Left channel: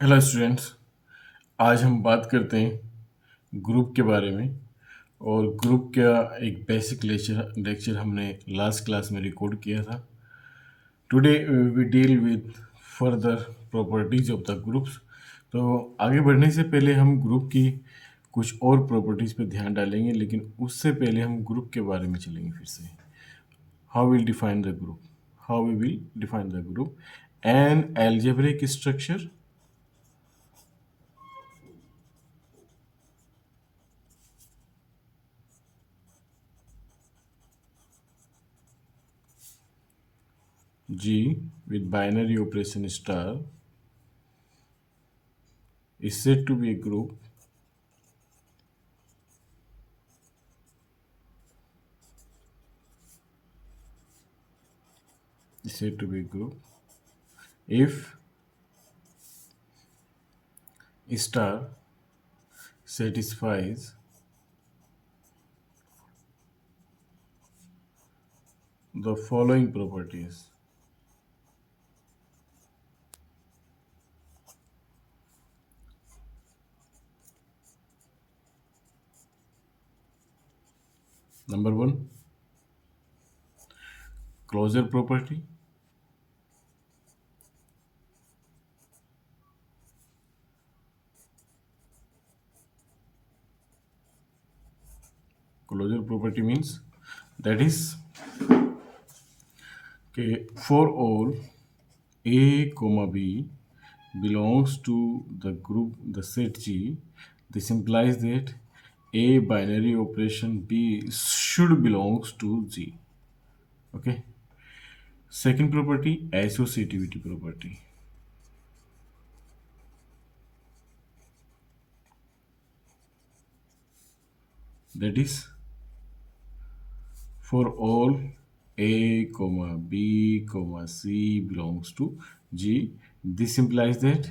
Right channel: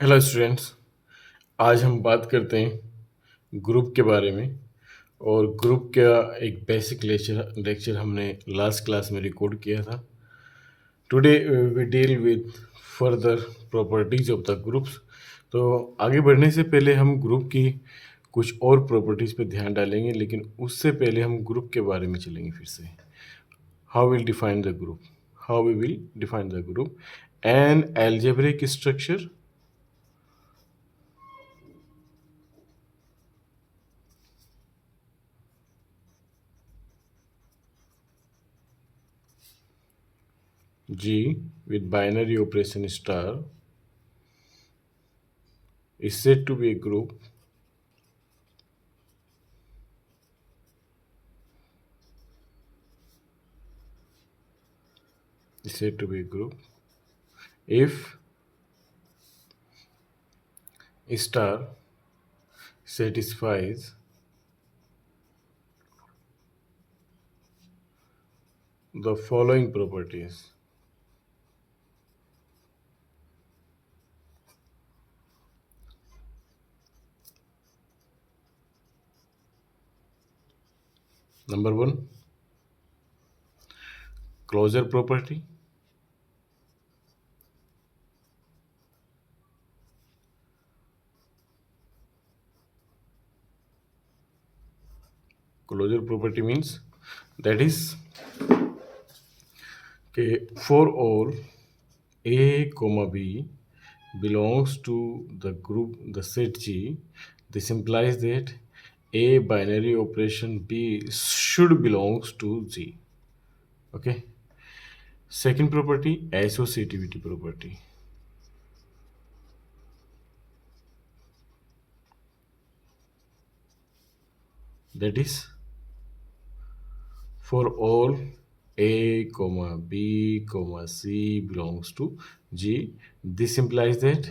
Hello students. आज हम बात करते हैं ग्रुप के बारे में। और ग्रुप का एक बेसिक लेक्चर हमने लास्ट क्लास में रिकॉर्ड किया था। Today we deal with further properties of the groups. तो आगे बढ़ने से पहले हम ग्रुप की कुछ और प्रॉपर्टीज़ पर ध्यान डालेंगे, लेकिन उससे पहले हम ग्रुप के बारे में चलेंगे फिर से। How will define the group, how we will define the group an algebraic structure G with binary operation star is said to be a group is said to be a group if star satisfies the following properties. Number one, closure property. Closure property means that is okay, for all A comma B belongs to the group the set G. This implies that A binary operation B should belongs to G. Okay. Second property, associativity property. That is for all A comma B comma C belongs to G. This implies that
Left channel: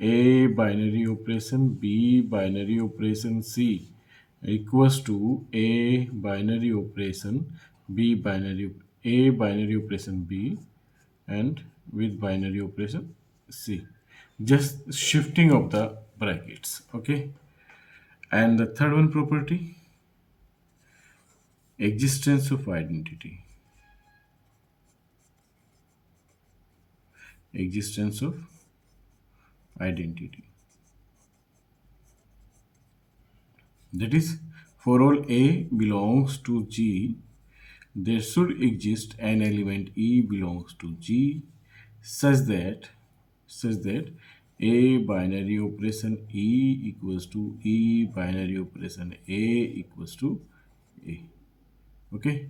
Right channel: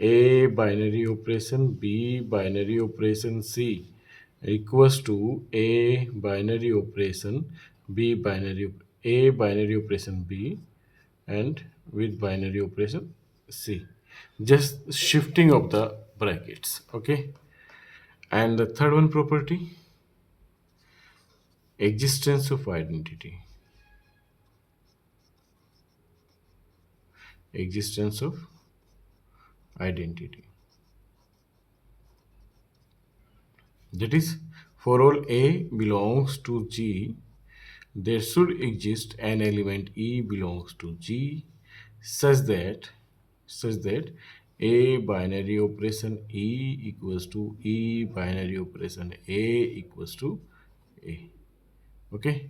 A binary operation B binary operation C equals to A binary operation B binary A binary operation B and with binary operation C. Just shifting of the brackets. Okay. And the third one property, existence of identity. Existence of identity. That is, for all A belongs to G, there should exist an element E belongs to G such that A binary operation E equals to E binary operation A equals to A. Okay.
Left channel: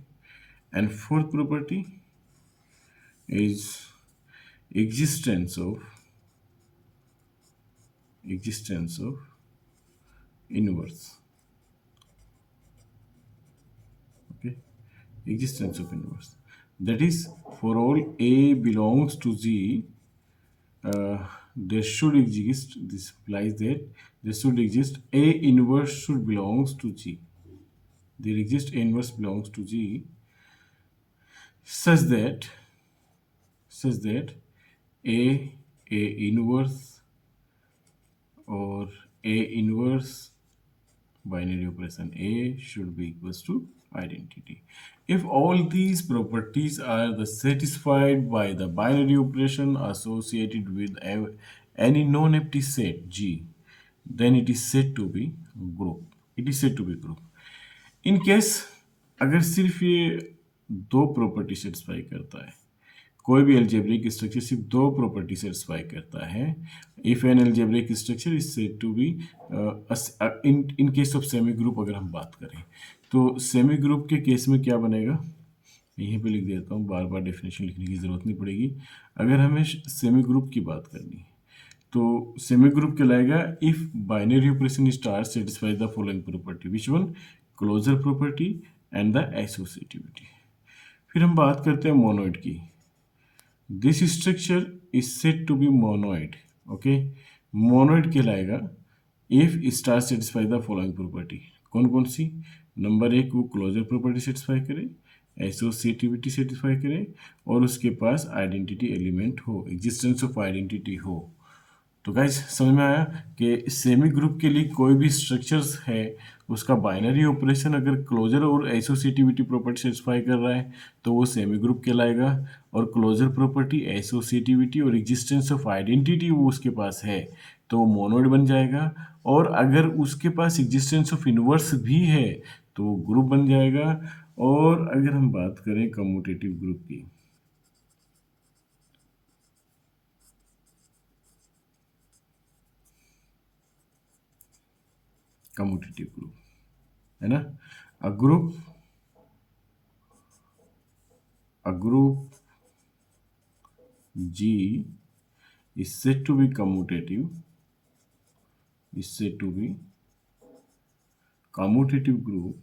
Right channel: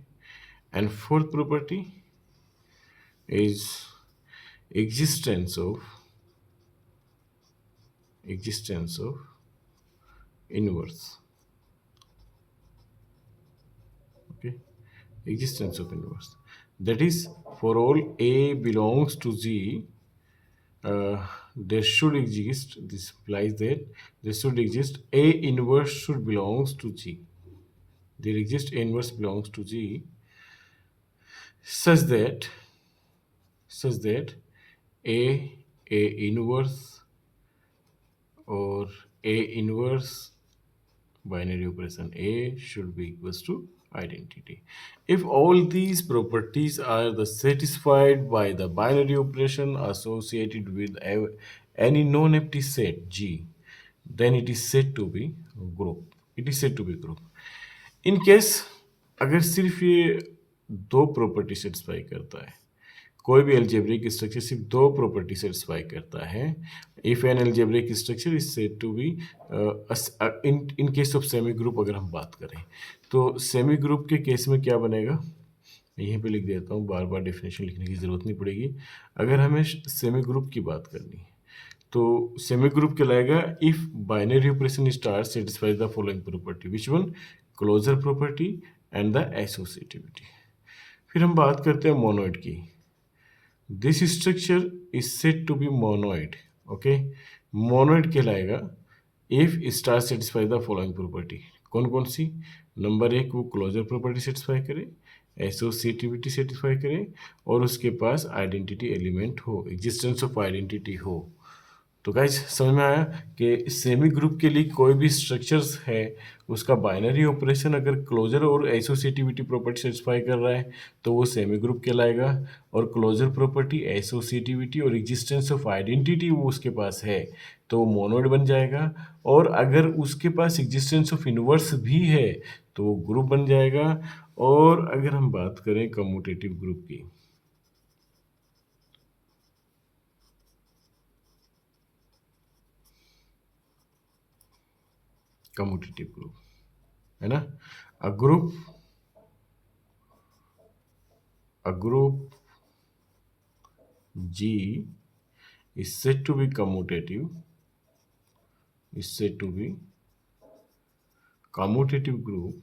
And fourth property is existence of inverse. Okay. Existence of inverse. That is, for all A belongs to G, there should exist, this implies that there should exist A inverse should belongs to G. There exists A inverse belongs to G such that A inverse or A inverse binary operation A should be equals to identity. If all these properties are satisfied by the binary operation associated with any non-empty set G, then it is said to be group. It is said to be group. In case अगर सिर्फ ये दो property satisfy करता है, कोई भी algebraic structure सिर्फ दो प्रॉपर्टी सेटिस्फाई करता है, if an algebraic structure is said to be in case of semi group अगर हम बात करें तो सेमी ग्रुप के केस में क्या बनेगा, यहीं पे लिख देता हूँ, बार बार डेफिनेशन लिखने की ज़रूरत नहीं पड़ेगी। अगर हमें सेमी ग्रुप की बात करनी है तो सेमी ग्रुप कहलाएगा if binary operation star satisfies the following property, which one, closure property and the associativity. फिर हम बात करते हैं मोनोइड की। This structure is said to be monoid. Okay, monoid कहलाएगा if star satisfy the following property. कौन कौन सी? नंबर एक, वो क्लोजर प्रॉपर्टी सेटिस्फाई करे, एसोसिएटिविटी सेटिस्फाई करे और उसके पास आइडेंटिटी एलिमेंट हो, एग्जिस्टेंस ऑफ आइडेंटिटी हो। तो गाइस समझ में आया कि सेमी ग्रुप के लिए कोई भी स्ट्रक्चर्स है उसका बाइनरी ऑपरेशन अगर क्लोजर और एसोसिएटिविटी प्रॉपर्टी सेटिस्फाई कर रहा है तो वो सेमी ग्रुप कहलाएगा, और क्लोजर प्रॉपर्टी, एसोसिएटिविटी और एग्जिस्टेंस ऑफ आइडेंटिटी वो उसके पास है तो वो मोनोइड बन जाएगा। और अगर उसके पास एग्जिस्टेंस ऑफ इनवर्स भी है तो वो ग्रुप बन जाएगा। और अगर हम बात करें कम्यूटेटिव ग्रुप की, कम्यूटेटिव ग्रुप है ना, a group a group G is said to be commutative, is said to be commutative group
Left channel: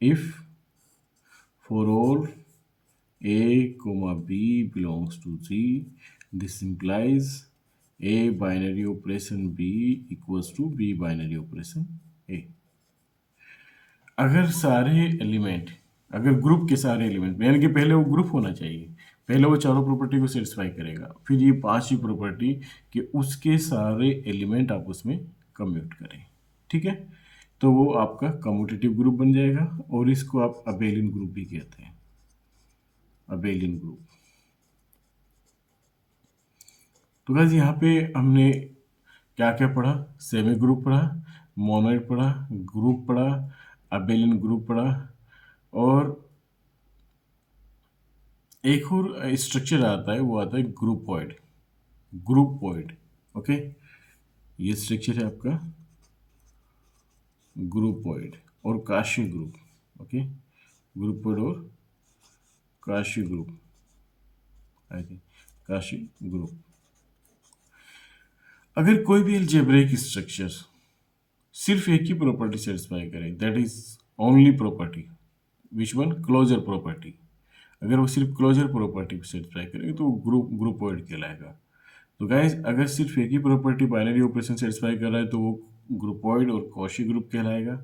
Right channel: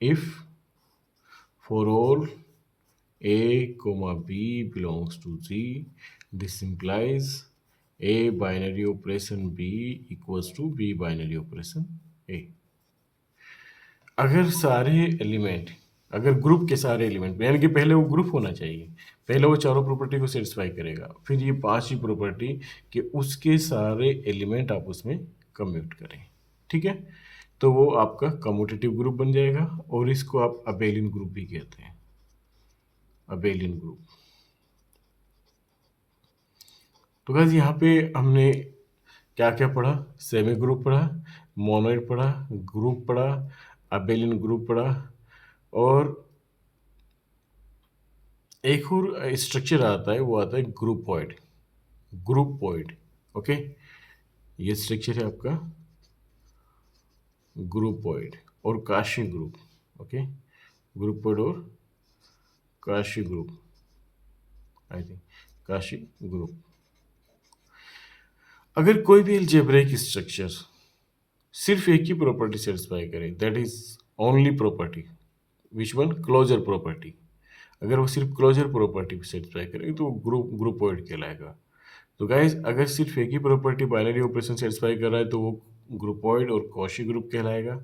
if for all A comma B belongs to Z. This implies A binary operation B equals to B binary operation A. अगर सारे element, अगर group के सारे element, यानी कि पहले वो group होना चाहिए, पहले वो चारों प्रॉपर्टी को सेटिस्फाई करेगा, फिर ये पांच ही प्रॉपर्टी कि उसके सारे एलिमेंट आप उसमें कम्यूट करें, ठीक है, तो वो आपका कम्यूटेटिव ग्रुप बन जाएगा और इसको आप अबेलियन ग्रुप भी कहते हैं, अबेलियन ग्रुप। तो गाइस यहाँ पे हमने क्या क्या पढ़ा, सेमी ग्रुप पढ़ा, मोनोइड पढ़ा, ग्रुप पढ़ा, अबेलियन ग्रुप पढ़ा, और एक और स्ट्रक्चर आता है वो आता है ग्रुपोइड, ग्रुपोइड। ओके, ये स्ट्रक्चर है आपका ग्रुपोइड और काशी ग्रुप। ओके, ग्रुपोइड और quasi group, I think quasi group. अगर कोई भी अलजेब्रिक स्ट्रक्चर सिर्फ एक ही प्रॉपर्टी सेटिस्फाई करे, that is only property, which one, closure property, अगर वो सिर्फ क्लोजर प्रॉपर्टी सेटिस्फाई करेगी तो वो ग्रुपोइड कहलाएगा। तो गाइस अगर सिर्फ एक ही प्रॉपर्टी बाइनरी ऑपरेशन सेटिस्फाई कर रहा है तो वो ग्रुपोइड और कॉशी ग्रुप कहलाएगा।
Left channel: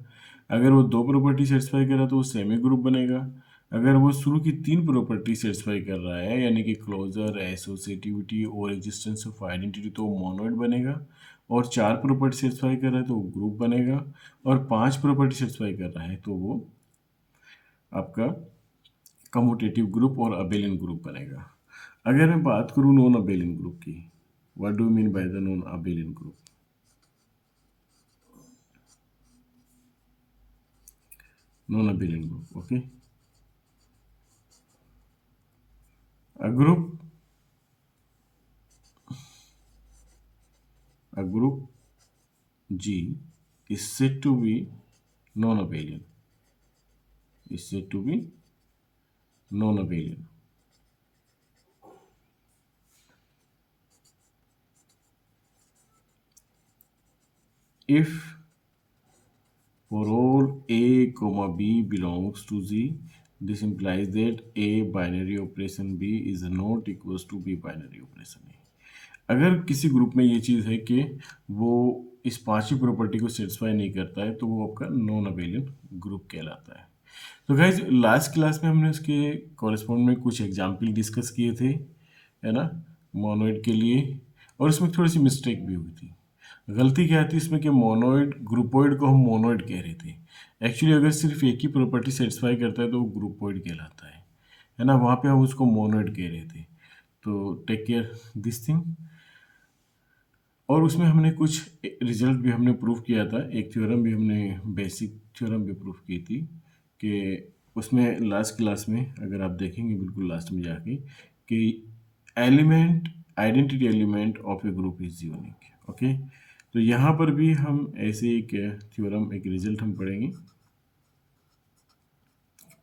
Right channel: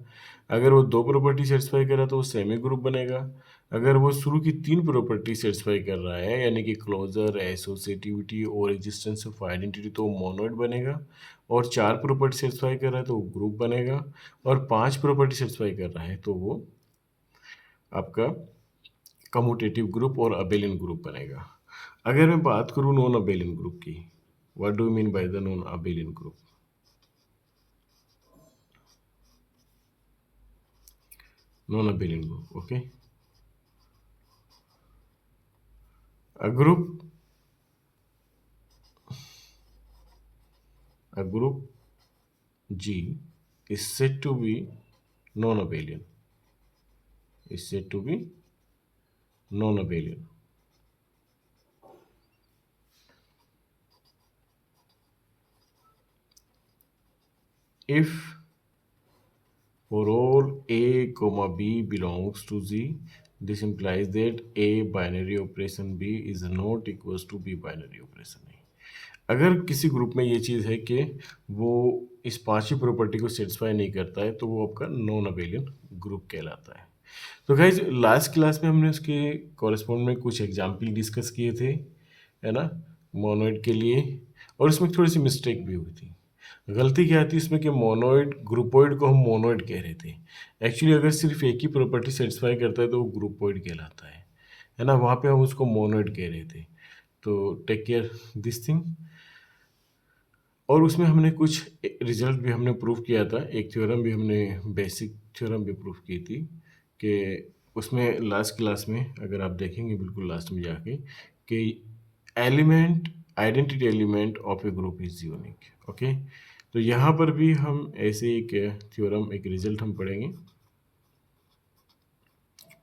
अगर वो दो प्रॉपर्टी सेटिस्फाई कर रहा है तो वो सेमी ग्रुप बनेगा। अगर वो शुरू की तीन प्रॉपर्टी सेटिस्फाई कर रहा है यानी कि क्लोजर, एसोसिएटिविटी और एग्जिस्टेंस ऑफ आइडेंटिटी तो वो मोनोइड बनेगा। और चार प्रॉपर्टी सेटिस्फाई कर रहा है तो वो ग्रुप बनेगा। और पांच प्रॉपर्टी सेटिस्फाई कर रहा है तो वो आपका कम्यूटेटिव ग्रुप और अबेलियन ग्रुप बनेगा। अगर मैं बात करूँ नॉन अबेलियन ग्रुप की, what do you mean by the non abelian group? Non abelian group, okay, a group G is said to be non-abelian, is said to be non-abelian if for all A comma B belongs to Z. This implies that A binary operation B is not equals to B binary operation A. अगर किसी group में ये चीज़ है कि वो इस पांचवी प्रॉपर्टी को सेटिस्फाई नहीं करता है तो वो आपका नॉन अबेलियन ग्रुप कहलाता है। तो गाइज लास्ट क्लास में हमने उसके कॉरेस्पॉन्ड में कुछ एग्जाम्पल डिस्कस किए थे, है ना, मोनोइड के लिए, और उसमें थोड़ी सी मिस्टेक भी हुई थी। गलती क्या थी इसमें कि मोनोइड, ग्रुपोइड को हम मोनोइड कह रहे थे। एक्चुअली अगर सिर्फ एक ही प्रॉपर्टी सेटिस्फाई करता है तो वो ग्रुपोइड कहलाता है ना, वहाँ पे हम उसको मोनोइड कह रहे थे। तो टेक केयर दिस थिंग। और उसमें हमने कुछ रिजल्ट भी हमने प्रूव किया था, एक थ्योरम भी हमने, बेसिक थ्योरम भी प्रूव की थी कि उसमें लास्ट क्लास में अगर आप देखेंगे बिल्कुल लास्ट में जाके कि element, identity element of A group is unique. Okay, तो यहाँ पर भी हम ऐसे एक थ्योरम, एक रिजल्ट हम पढ़ेंगे,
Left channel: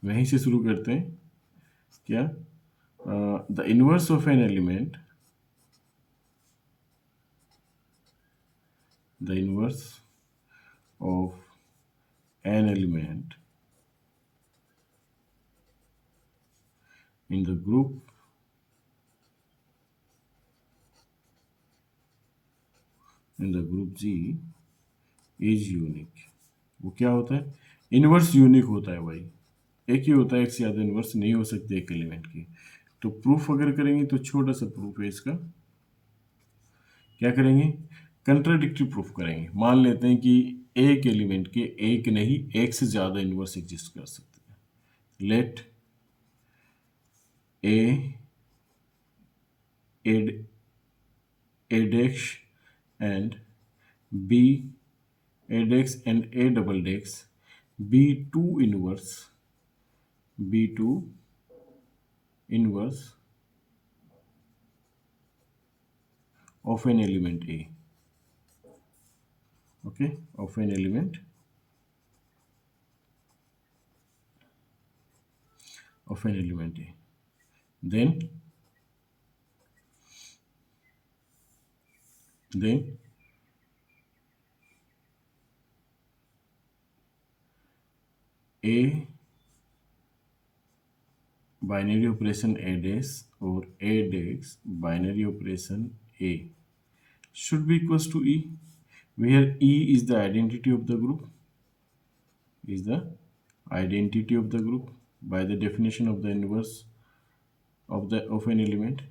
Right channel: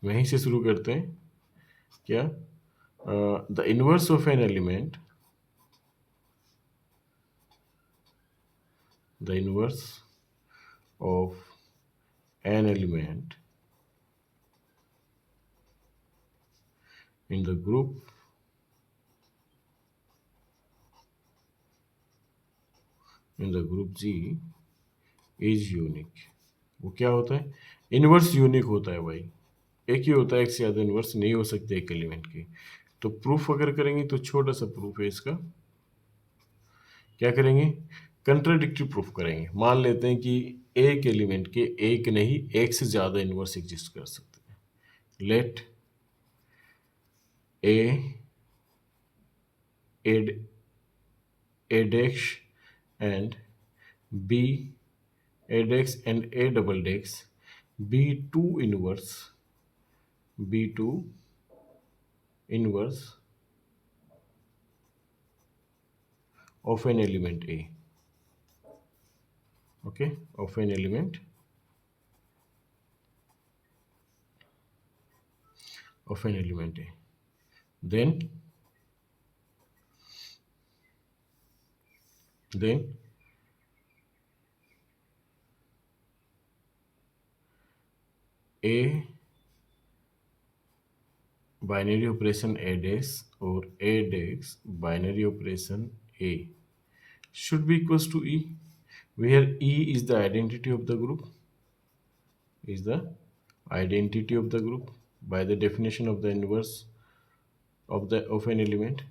वहीं से शुरू करते हैं। क्या, the inverse of an element, the inverse of an element in the group G is unique। वो क्या होता है, इनवर्स यूनिक होता है भाई, एक ही होता है, एक से ज़्यादा इन्वर्स नहीं हो सकते एक एलिमेंट की। तो प्रूफ अगर करेंगे तो छोटा सा प्रूफ है इसका, क्या करेंगे, कंट्राडिक्टरी प्रूफ करेंगे। मान लेते हैं कि एक एलिमेंट के एक नहीं एक से ज़्यादा इन्वर्स एग्जिस्ट कर सकते हैं। लेट ए एड adex and b adex and a double dex b2 inverse of an element a, okay, of an element a, then a binary operation a dash or a dash binary operation a should be equals to e, where e is the identity of the group, is the identity of the group by the definition of the inverse of an element,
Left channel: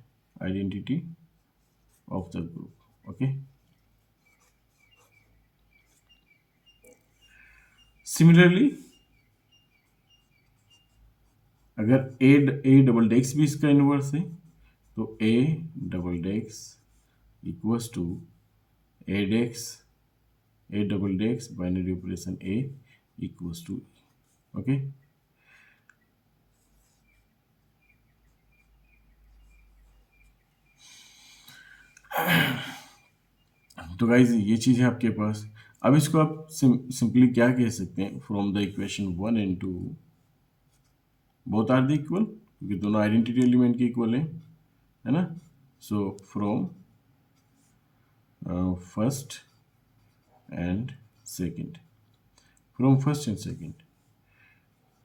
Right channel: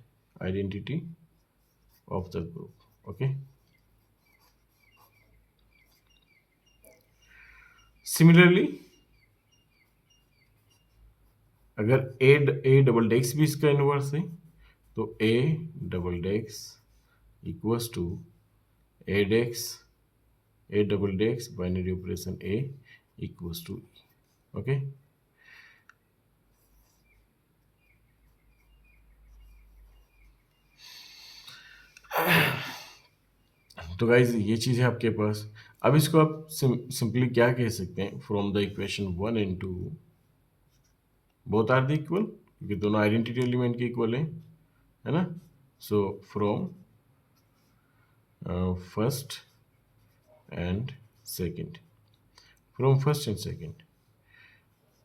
identity of the group, okay. Similarly, अगर ए double डेक्स भी इसका inverse है तो a double dash equals to a dash a double dash binary operation a equals to, okay. तो guys ये चीज़ है आपके पास। अब इसको आप सिंपली क्या कह सकते हैं, from the equation 1 and 2 both are the equal, क्योंकि दोनों आइडेंटिटी एलिमेंट के इक्वल है ना। So from first and second, from first and second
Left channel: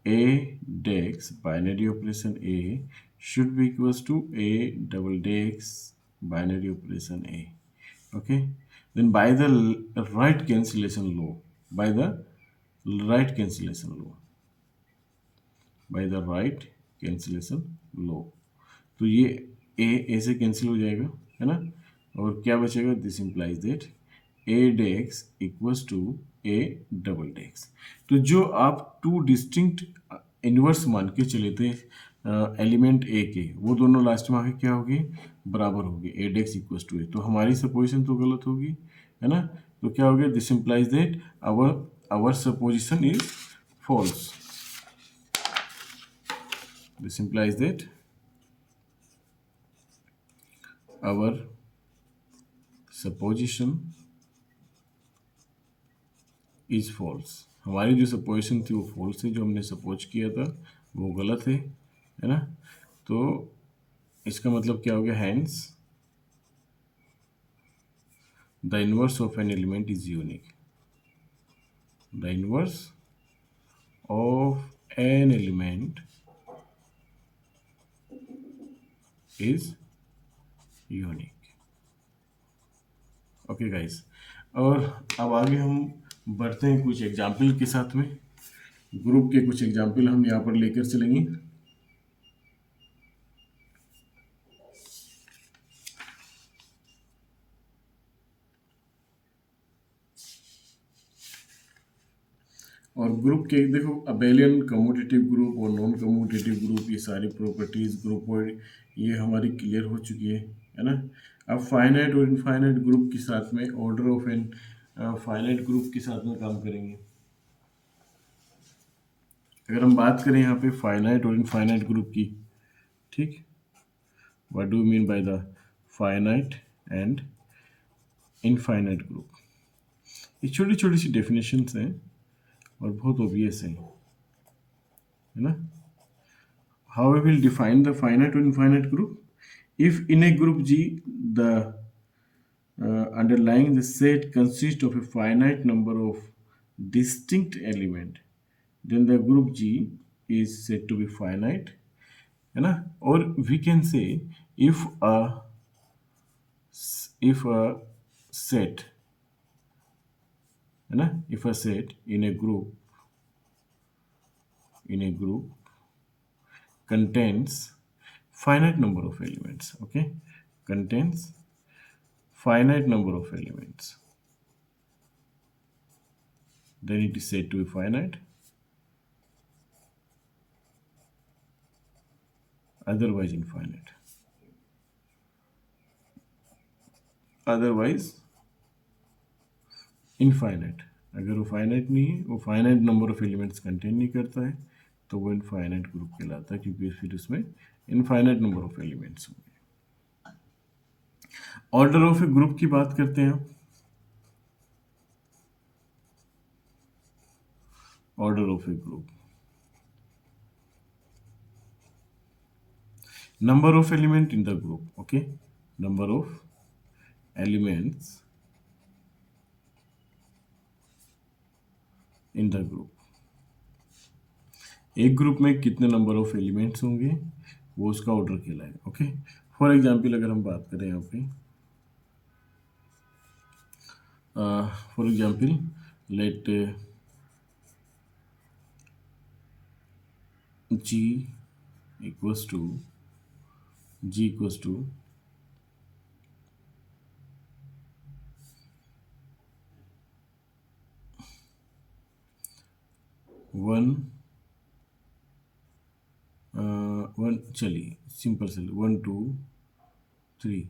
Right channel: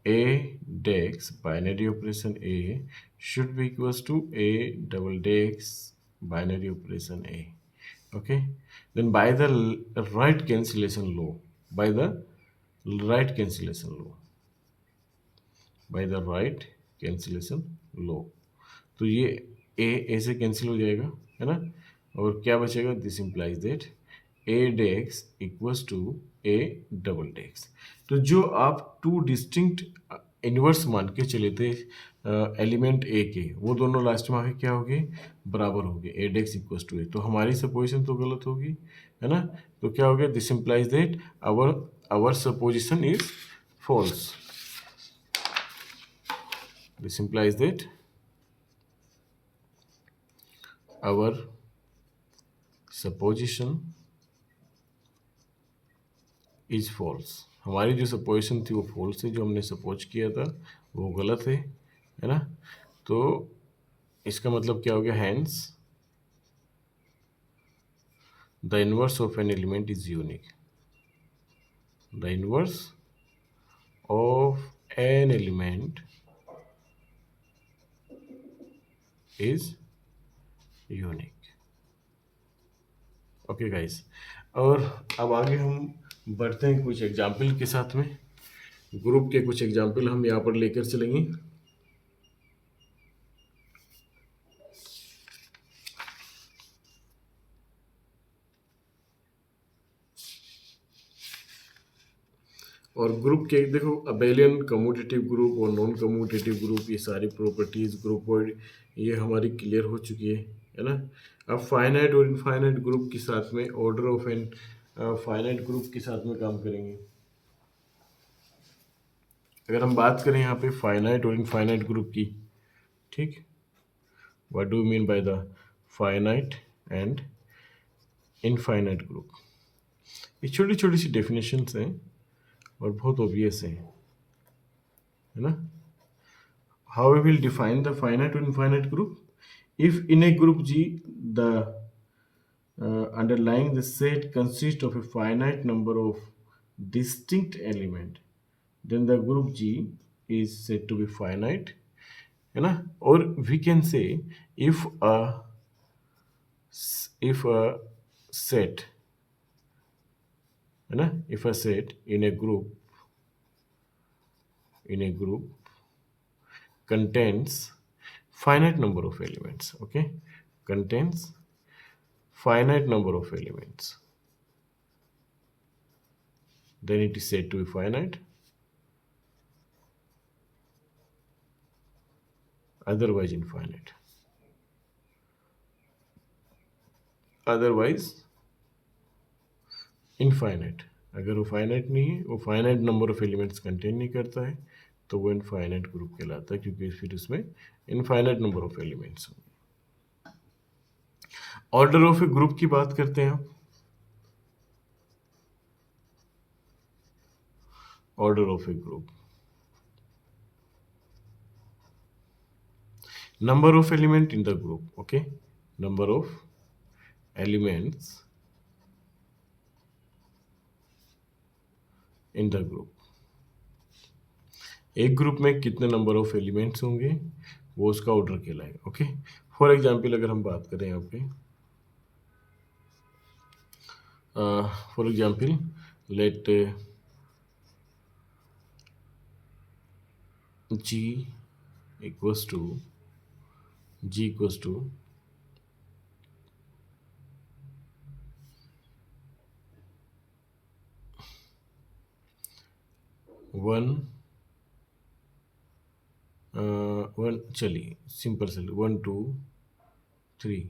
a dex binary operation a should be equals to a double dex binary operation a, okay. Then by the right cancellation law, by the right cancellation law, by the right cancellation law, तो ये ए से cancel हो जाएगा, है ना। और क्या बचेगा, this implies that a dash equals to a double dash. तो जो आप टू डिस्टिंक्ट इन्वर्स मान के चले थे एलिमेंट ए के, वो दोनों लास्ट में आके क्या हो गए, बराबर हो गए, ए डेक्स इक्वल्स टू ए। तो हमारी सपोजिशन तो गलत होगी, है ना। तो क्या हो गया, this implies that our supposition is false, this implies that our supposition is false। हमारी जो सपोजिशन थी वो फॉल्स है, जो हमने सपोज किया था वो गलत है ना। तो इसका मतलब क्या हो गया, hence the inverse of an element is unique, the inverse of an element is unique, okay guys. और अब आगे हम बढ़ते हैं कुछ एग्जाम्पल के साथ में, ग्रुप के कुछ एग्जाम्पल हम यहाँ पर लेकर चलेंगे। और ग्रुप के देखो, अबेलियन, कम्यूटेटिव ग्रुप और नॉन कम्यूटेटिव ग्रुप, ये सारी प्रॉपर्टीज ग्रुप और ये हमारी क्लियर हो चुकी है ना। अब फाइनाइट और इनफाइनाइट ग्रुप के साथ में, order of an finite group के साथ में काम करेंगे। अगर हम बात करें यहाँ पे फाइनाइट और इनफाइनाइट ग्रुप की, ठीक, what do mean by the finite and infinite group. ये छोटी छोटी सी डेफिनेशंस हैं और बहुत ऑब्वियस है ना। How we will define the finite or infinite group? If in a group G, the underlying the set consists of a finite number of distinct element, then the group G is said to be finite, है ना। Or we can say if a set, है ना, if a set in a group in a group contains finite number of elements. Okay, contains finite number of elements, then it is said to be finite, otherwise infinite. Otherwise infinite, अगर वो finite नहीं है, वो finite number of elements contain नहीं करता है, तो वो इनफाइनाइट ग्रुप कहलाता है, क्योंकि फिर उसमें इनफाइनाइट नंबर ऑफ एलिमेंट्स होंगे। ऑर्डर ऑफ ए ग्रुप की बात करते हैं। Order of A group, number of element in the group. Okay, number of elements in the group, एक ग्रुप में कितने नंबर ऑफ एलिमेंट्स होंगे वो उसका ऑर्डर कहलाएगा। ओके, फॉर एग्जांपल अगर हम बात करें यहाँ पे, for example let g equals to 1 1, चलिए सिंपल से 1 2 3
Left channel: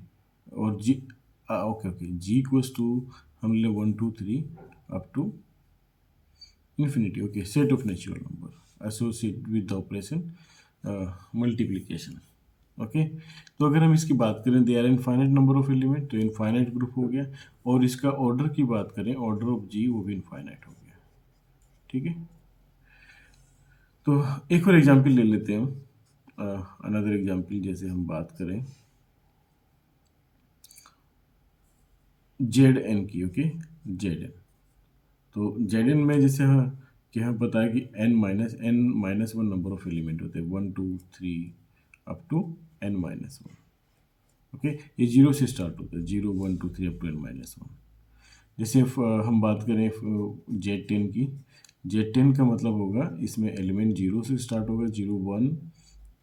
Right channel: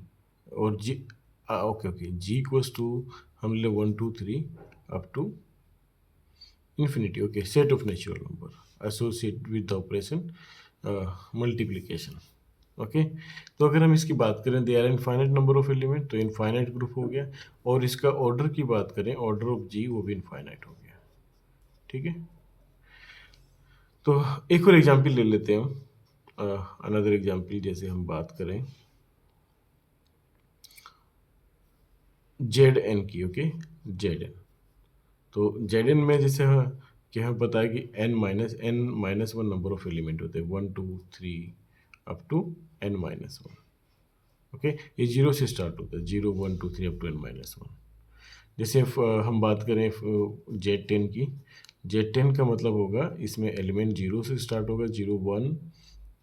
और G, okay okay, G equals to हम ले 1 2 3 up to infinity. Okay, set of natural number associated with the operation multiplication. Okay, तो अगर हम इसकी बात करें, there are infinite number of element, तो इनफाइनाइट ग्रुप हो गया। और इसका ऑर्डर की बात करें, ऑर्डर ऑफ जी, वो भी इनफाइनाइट हो गया। ठीक है, तो एक और एग्जांपल ले लेते हैं हम, अनदर एग्जांपल, जैसे हम बात करें जेड एन की। ओके, जेड एन, तो जेड एन में जैसे क्या हमें पता है कि n-1 नंबर ऑफ एलिमेंट होते हैं, 1 2 3 अप टू n-1। ओके, ये जीरो से स्टार्ट होता है, 0 1 2 3 अप टू n-1। जैसे हम बात करें जेड टेन की, जेड टेन का मतलब होगा इसमें एलिमेंट जीरो से स्टार्ट होगा, 0 1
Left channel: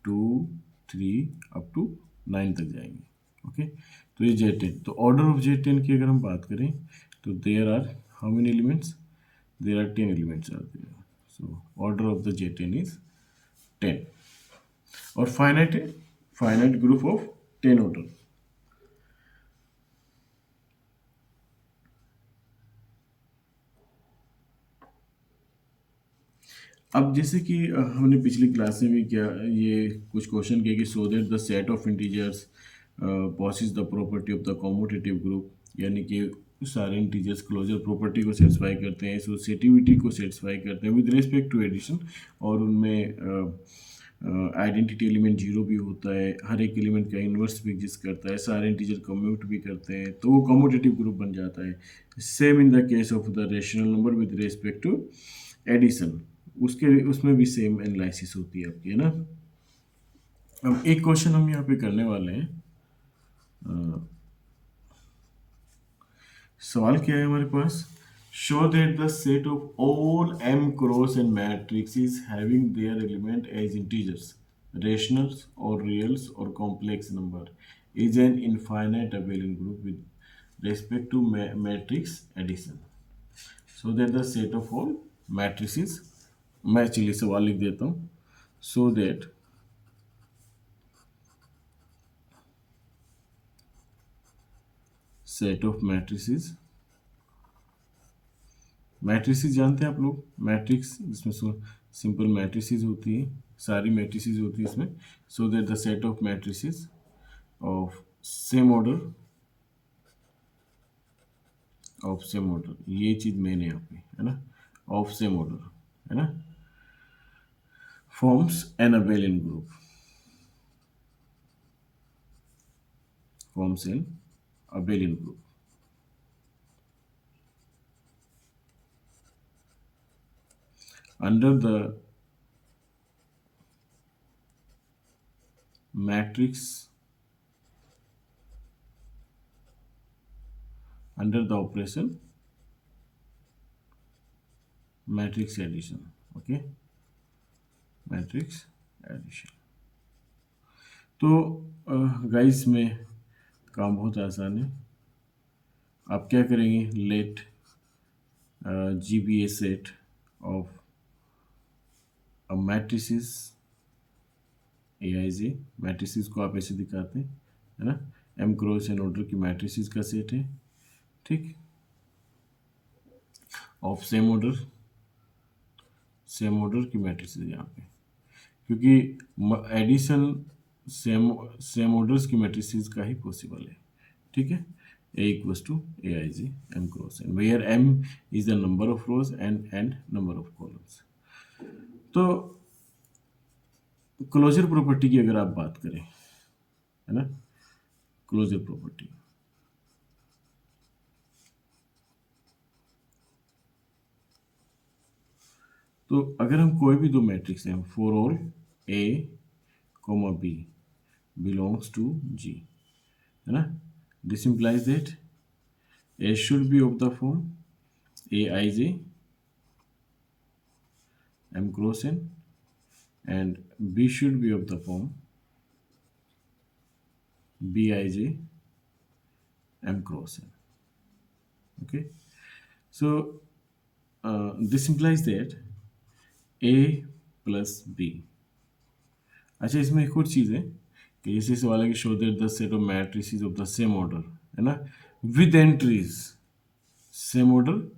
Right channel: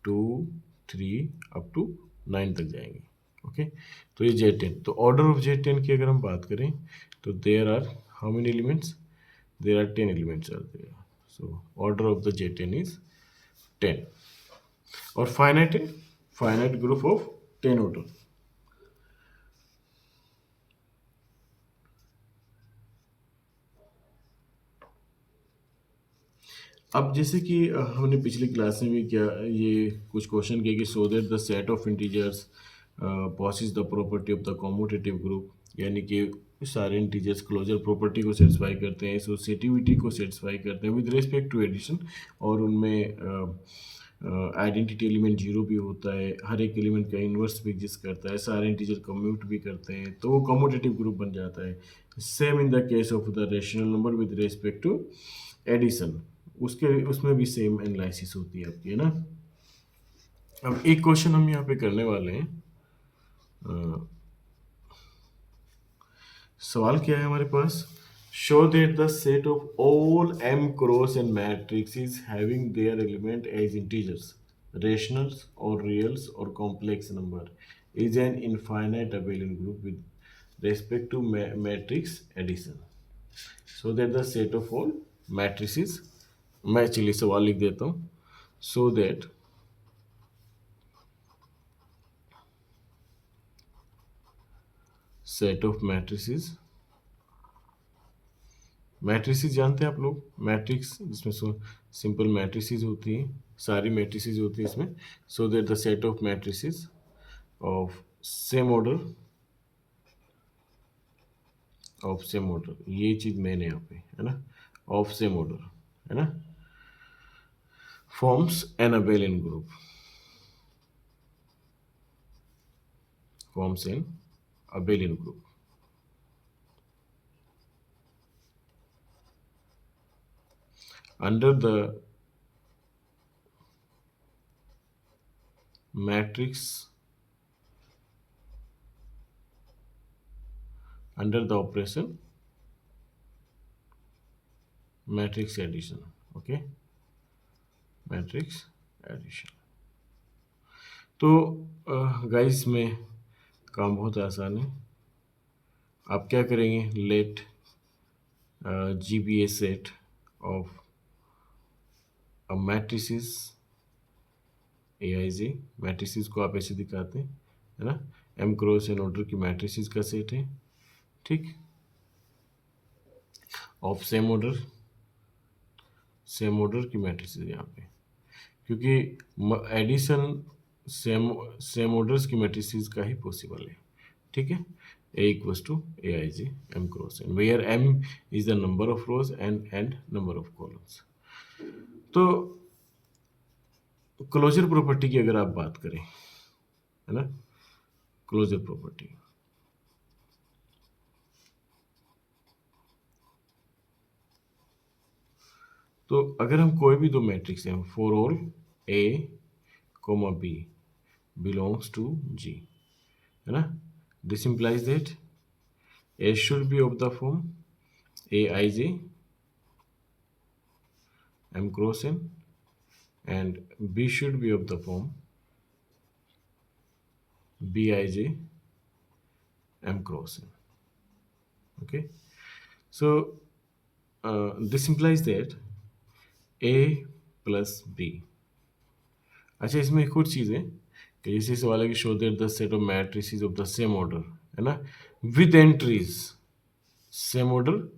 2 3 अप टू 9 तक जाएंगे। ओके, तो ये जेड टेन, तो ऑर्डर ऑफ जेड टेन की अगर हम बात करें, तो there are how many elements, there are 10 elements are there, so order of the j10 is 10, or finite group of 10 order। अब जैसे कि हमने पिछली क्लास में भी क्या ये कुछ क्वेश्चन किए कि सो that the set of integers possesses the property of the commutative group, यानी कि सारे इंटीजर्स क्लोजर प्रॉपर्टी को सेटिस्फाई करते हैं, एसोसिएटिविटी को सेटिस्फाई करते हैं विद रिस्पेक्ट टू एडिशन, और उनमें आइडेंटिटी एलिमेंट जीरो भी होता है, हर एक एलिमेंट का इन्वर्स भी एग्जिस्ट करता है, सारे इंटीजर कम्यूट भी करते हैं, तो वो कम्यूटेटिव ग्रुप बन जाता है। Same in the case of the rational number with respect to addition, उसके उसमें भी सेम एनालिसिस होती है आपकी, है ना। अब एक क्वेश्चन हम यहाँ पे करने वाले हैं, सवाल क्या है हमारे पास, show that the set of all m cross n matrix having their element as integers, rationals और रियल्स और complex number is an infinite abelian group with respect to matrix addition. So that the set of all matrices, मैं चलिए सवाल लिख देता हूँ, so that set of matrices, matrices जानते हैं आप लोग, मैट्रिक्स जिसमें सिंपल मैट्रिसेस होती हैं, सारी मैट्रिसेस होती है इसमें, सो that the set of matrices of same order, of same order, ये चीज़ मेन है यहाँ पे, है ना, ऑफ सेम ऑर्डर, है ना, forms an abelian group, forms an abelian group। Under the matrix, under the operation matrix addition, okay, matrix addition. तो guys में काम बहुत आसान है। आप क्या करेंगे, let G be a set of a matrices a I J. Matrices को आप ऐसे दिखाते हैं, है ना, एम क्रॉस एन ऑर्डर की मैट्रिसेस का सेट है, ठीक, ऑफ सेम ऑर्डर की मैट्रिसेस यहाँ पे, क्योंकि एडिशन सेम सेम ऑर्डर्स की मैट्रिसेस का ही पॉसिबल है, ठीक है। A equals to Aij m cross n, where m is the number of rows and number of columns। तो क्लोजर प्रॉपर्टी की अगर आप बात करें, है ना, क्लोजर प्रॉपर्टी, तो अगर हम कोई भी दो मैट्रिक्स हैं, for all A, B belongs to G, है ना, this implies that A should be of the form Aij m cross n and B should be of the form Bij m cross n, okay। So this implies that A plus B। अच्छा, इसमें एक और चीज़ है कि जैसे सवाल है कि show that the set of matrices of the same order, है ना, विद एंट्रीज, सेम ऑर्डर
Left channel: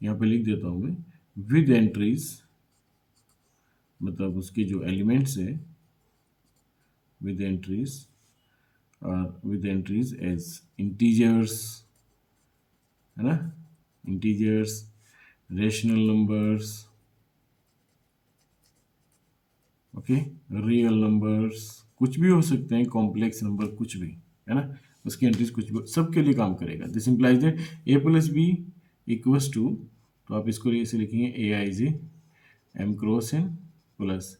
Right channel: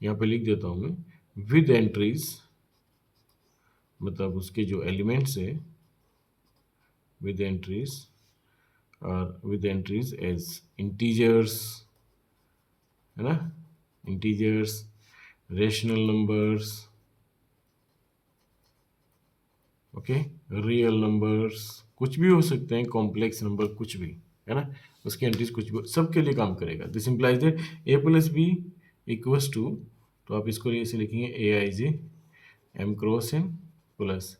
यहाँ पे लिख देता हूँ मैं, विद एंट्रीज मतलब उसके जो एलिमेंट्स है, विद एंट्रीज और विद एंट्रीज एज इंटीजर्स, है ना, integers, rational numbers, okay, real numbers, कुछ भी हो सकते हैं, कॉम्प्लेक्स नंबर, कुछ भी, है ना, उसकी एंट्रीज कुछ भी, सबके लिए काम करेगा। This implies that A plus b equals to, तो आप इसको ऐसे लिखेंगे a I J M cross N plus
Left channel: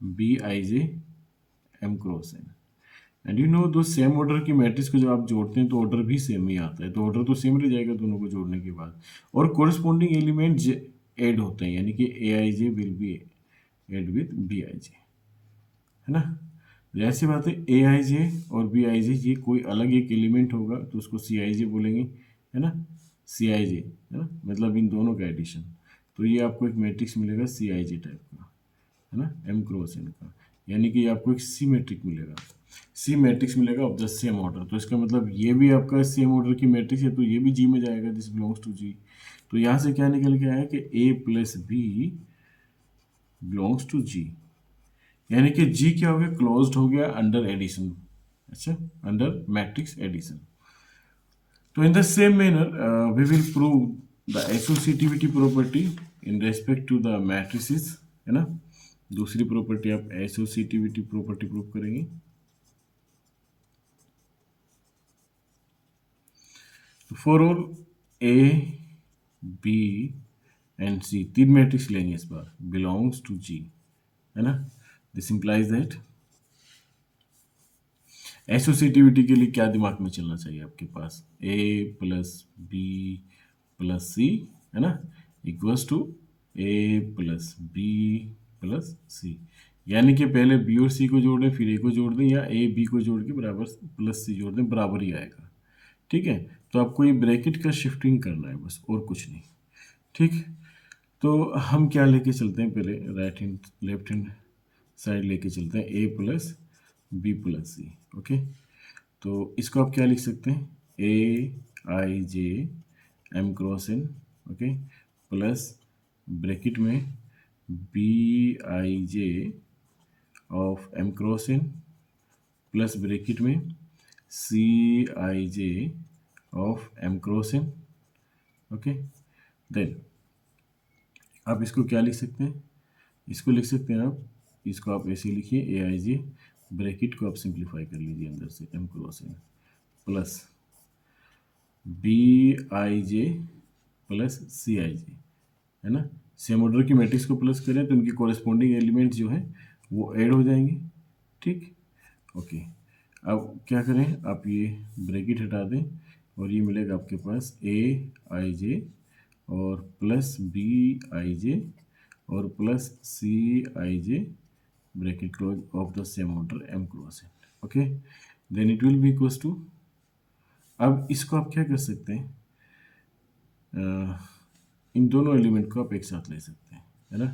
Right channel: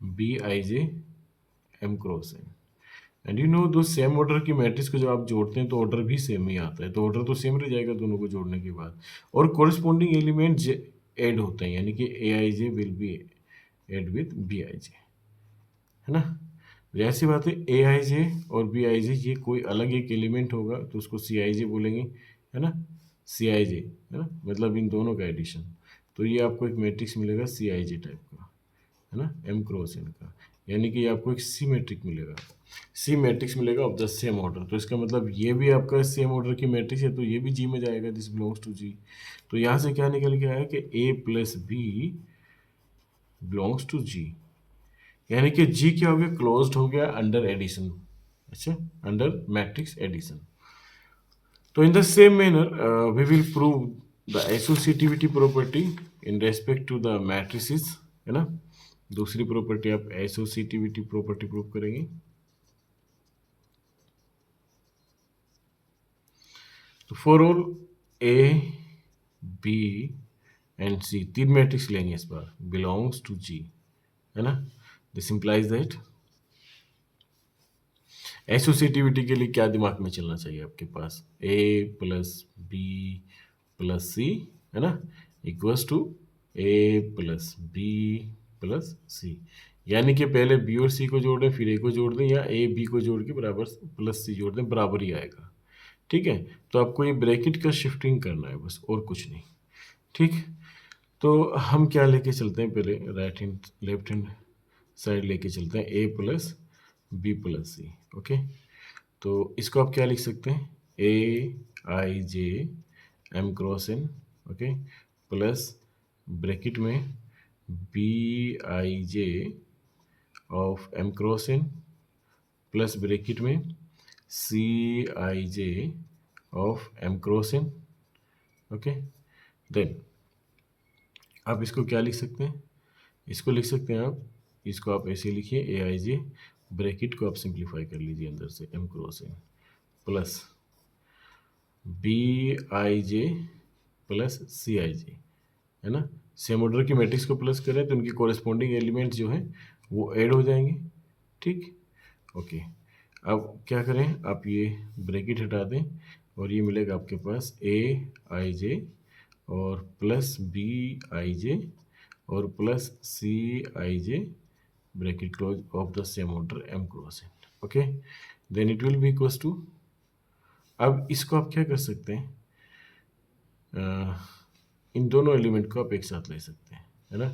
B I J M cross n. And you know दो सेम ऑर्डर की मैट्रिक्स को जब आप जोड़ते हैं तो ऑर्डर भी सेम ही आता है, तो ऑर्डर तो सेम रह जाएगा दोनों को जोड़ने के बाद, और कोरिस्पॉन्डिंग एलिमेंट ऐड होते हैं, यानी कि a I j will be add with b आई जे, है ना। जैसी बात है, ए आई जे और बी आई जे ये कोई अलग एक एलिमेंट होगा तो उसको सी आई जे बोलेंगे, है ना, सी आई जे, है ना, मतलब इन दोनों का एडिशन। तो ये आपको एक मैट्रिक्स मिलेगा सी आई जे टाइप का, है ना, एम क्रॉस एन का, यानी कि आपको एक सी मैट्रिक्स मिलेगा, सी मैट्रिक्स मिलेगा ऑफ द सेम ऑर्डर। तो इसका मतलब ये भी आपका सेम ऑर्डर की मैट्रिक्स है तो ये भी जी में जाएगा, दिस बिलोंग्स टू जी। तो यहाँ से क्या निकल के आया कि a plus b belongs to G, यानी कि जी क्या हो गया, क्लोज्ड हो गया अंडर एडिशन, अच्छा, अंडर मैट्रिक्स एडिशन। तो in the same manner we will prove the associativity property in respect to the matrices, है ना। दूसरी प्रॉपर्टी आप एसोसिएटिविटी प्रॉपर्टी प्रूव करेंगे। तो for all A B and C, तीन मैट्रिक्स लेंगे इस बार, बिलोंग्स टू जी, है ना। दिस इंप्लाइज दैट एसोसिएटिविटी के लिए क्या दिमाग में चलना चाहिए आपके पास, A plus B plus C, है ना, equals to A plus B plus C, यानी कि पहले बी और सी को जोड़ दें फिर ए को जोड़ दें, या ए बी को जोड़ के बराबर प्लस सी जोड़ दें, बराबर ही आएगा, ठीक है। तो आपको ये ब्रैकेट का शिफ्टिंग करना है बस, और कुछ नहीं, ठीक। तो हम क्या लेके चलते हैं, पहले right hand left hand side लेके चलते हैं, A plus B plus C, okay. तो इसको आप क्या लिख सकते हैं, A I J M cross N, okay, plus bracket में B I J of M cross N plus bracket में C I J of M cross N, okay. Then आप इसको क्या लिख सकते हैं, इसको लिख सकते हैं आप, इसको आप ऐसे लिखिए, ए आई जे ब्रैकेट को आप सिंप्लीफाई कर लीजिए अंदर से, M cross N plus B I J plus C I जे, है ना। सेम ऑर्डर की मैट्रिक्स को प्लस करें तो उनकी कॉरेस्पॉन्डिंग एलिमेंट जो है वो ऐड हो जाएंगे, ठीक, ओके। अब क्या करें, आप ये ब्रैकेट हटा दें और ये मिलेगा आपके पास ए आई जे और प्लस बी आई जे और plus C I J bracket close of the same order m cross n. Okay, then it will be equals to, अब इसको आप क्या कर सकते हैं, इन दोनों एलिमेंट को आप एक साथ ले सकते हैं, है ना।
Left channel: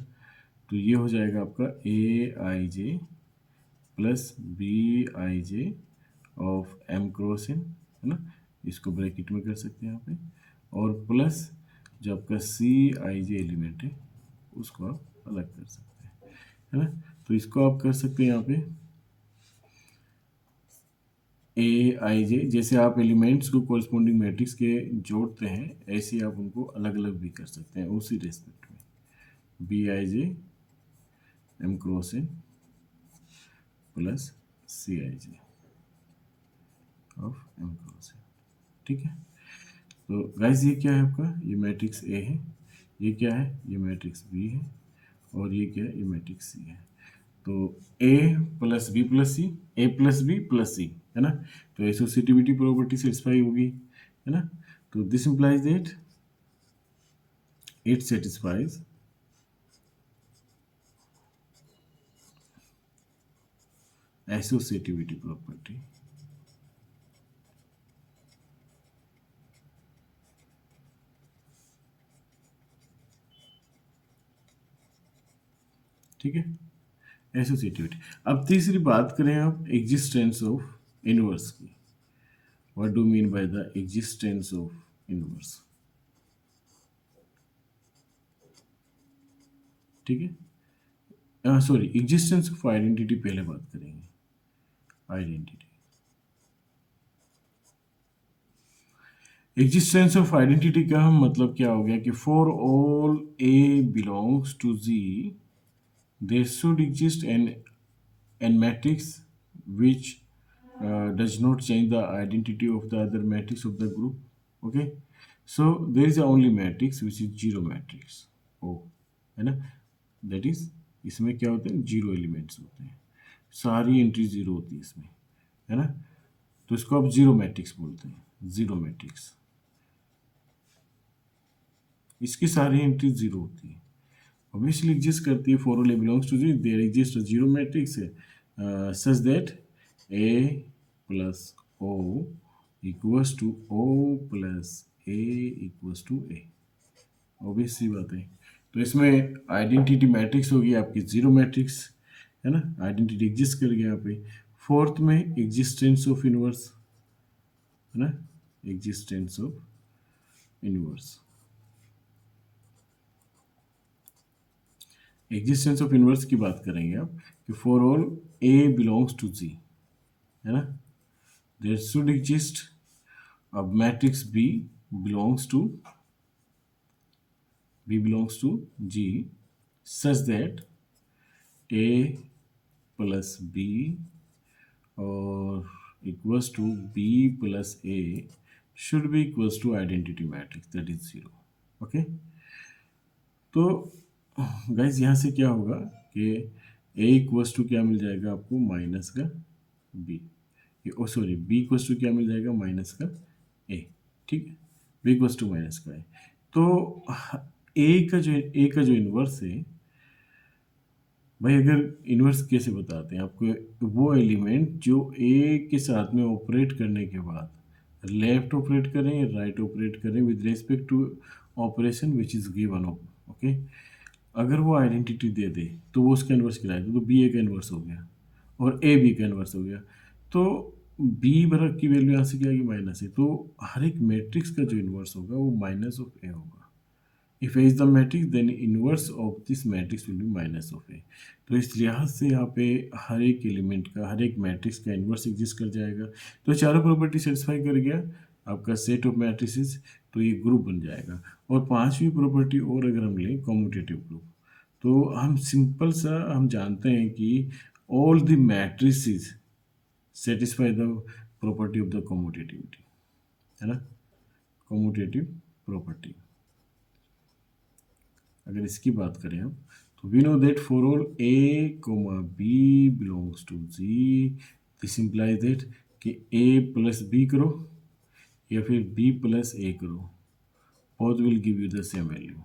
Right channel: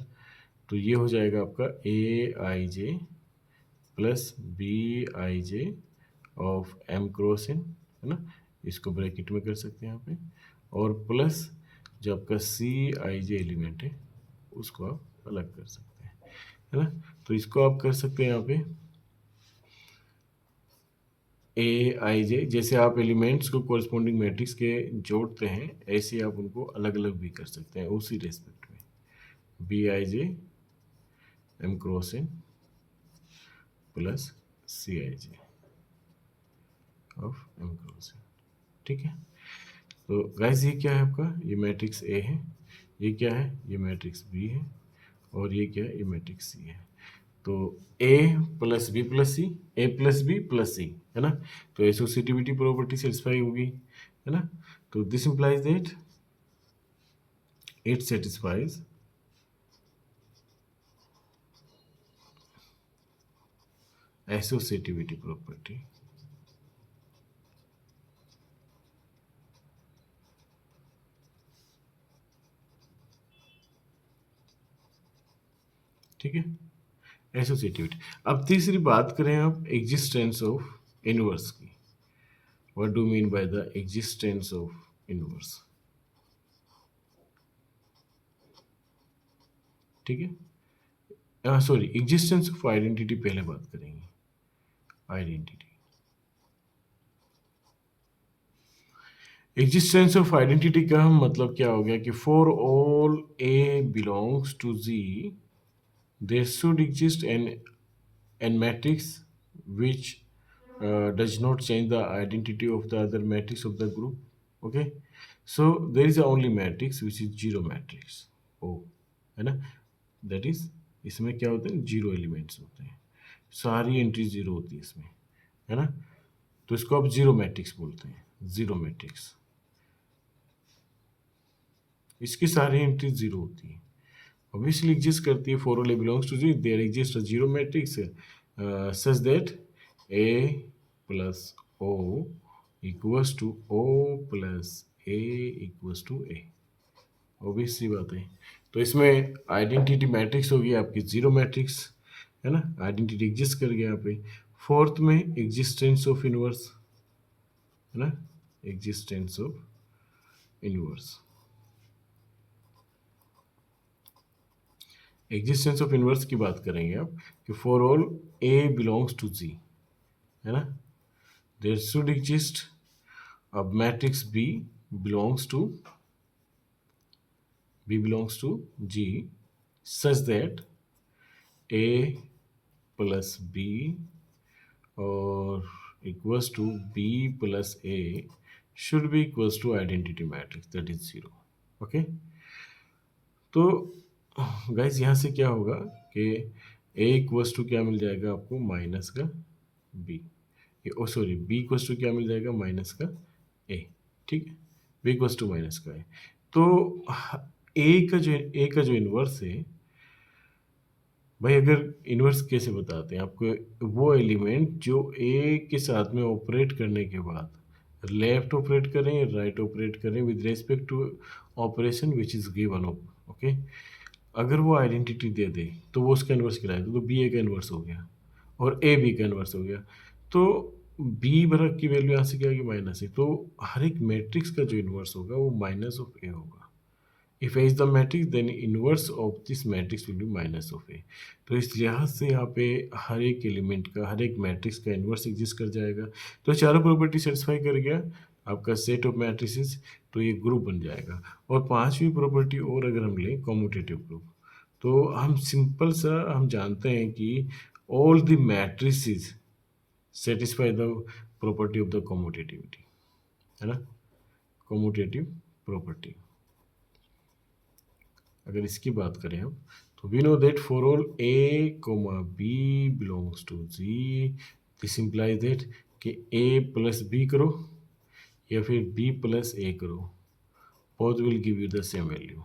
तो ये हो जाएगा आपका A I J plus B I J of M cross N, है ना। इसको ब्रैकेट में कर सकते हैं यहाँ पे, और प्लस जो आपका सी आई जे एलिमेंट है उसको आप अलग कर सकते हैं, है ना। तो इसको आप कर सकते हैं यहाँ पे ए आई जे, जैसे आप एलिमेंट्स को कोरस्पॉन्डिंग मैट्रिक्स के जोड़ते हैं ऐसे आप उनको अलग अलग भी कर सकते हैं उसी रेस्पेक्ट में, B I J M cross N plus C I J of M cross N, ठीक है। तो गाइस ये क्या है आपका, ये मैट्रिक्स ए है, ये क्या है, ये मैट्रिक्स बी है, और ये क्या है, ये मैट्रिक्स सी है। तो ए प्लस बी प्लस सी, ए प्लस बी प्लस सी, है ना। तो एसोसिएटिविटी प्रॉपर्टी सेटिस्फाई होगी, है ना। तो this implies that it satisfies associativity property, ठीक है, एसोसिएटिविटी। अब तीसरी बात करें आप एग्जिस्टेंस ऑफ इनवर्स की, what do mean by the existence of inverse, ठीक है। सॉरी, एग्जिस्टेंस ऑफ आइडेंटिटी पहले बात करेंगे, आइडेंटिटी। एग्जिस्टेंस ऑफ आइडेंटिटी का मतलब क्या हो गया कि for all A belongs to G there should exist an matrix which does not change the identity of the other matrix of the group. Okay, so there is a only matrix which is zero matrix O, है ना। that is इसमें क्या होते हैं, zero elements होते हैं, सारी entry zero होती है इसमें, है ना। तो इसको आप जीरो मैट्रिक्स बोलते हैं, जीरो मैट्रिक्स, इसकी सारी एंट्री जीरो होती है, ऑब्वियसली एग्जिस्ट करती है। For all A belongs to G there exist a zero matrix such that A plus O equals to O plus A equals to A, obvious सी बात है। तो इसमें आइडेंटिटी मैट्रिक्स होगी आपकी जीरो मैट्रिक्स, है ना, आइडेंटिटी एग्जिस्ट कर गया यहाँ पे। फोर्थ में एग्जिस्टेंस ऑफ इनवर्स, है ना, existence of inverse, existence of inverse की बात करेंगे आप कि for all A belongs to G, है ना, देयर शुड एग्जिस्ट अब matrix B belongs to G such that A plus B और equals to B plus A should be equals to identity matrix that is zero. Okay, तो guys यहाँ से क्या होगा कि ए इक्वल्स टू क्या मिल जाएगा आपको, माइनस का b, oh sorry b equals to क्या मिल जाएगा, माइनस का ए, ठीक है, बी इक्वल्स टू माइनस का ए। तो ए का जो इन्वर्स है भाई, अगर इन्वर्स कैसे बताते हैं आपको, वो एलिमेंट जो ए के साथ में ऑपरेट करने के बाद लेफ्ट ऑपरेट करें राइट ऑपरेट करें with respect to operation which is given, okay, अगर वो आइडेंटिटी दे दे तो वो उसका इन्वर्स कहलाएगा। तो बी ए का इन्वर्स हो गया और ए बी का इन्वर्स हो गया, तो बी बराबर की वैल्यू यहाँ से क्या आएगी, माइनस है। तो हर एक मैट्रिक्स का जो इन्वर्स होगा वो माइनस ऑफ ए होगा। If A is the matrix then inverse of this matrix will be minus of A. तो इस लिहाज से यहाँ पे हर एक एलिमेंट का, हर एक मैट्रिक्स का इन्वर्स एग्जिस्ट कर जाएगा। तो चारों प्रॉपर्टी सेटिस्फाई कर गया आपका सेट ऑफ मैट्रिसेस, तो ये ग्रुप बन जाएगा। और पांचवी प्रॉपर्टी और अगर हम लें कॉम्यूटेटिव ग्रुप, तो हम सिंपल सा हम जानते हैं कि all the matrices satisfy the property of the कॉम्यूटेटिविटी, है ना, कॉम्यूटेटिव प्रॉपर्टी। अगर इसकी बात करें हम, तो we know that for all a comma b belongs to G, this implies that कि ए प्लस बी करो या फिर बी प्लस ए करो, both will give you the same value.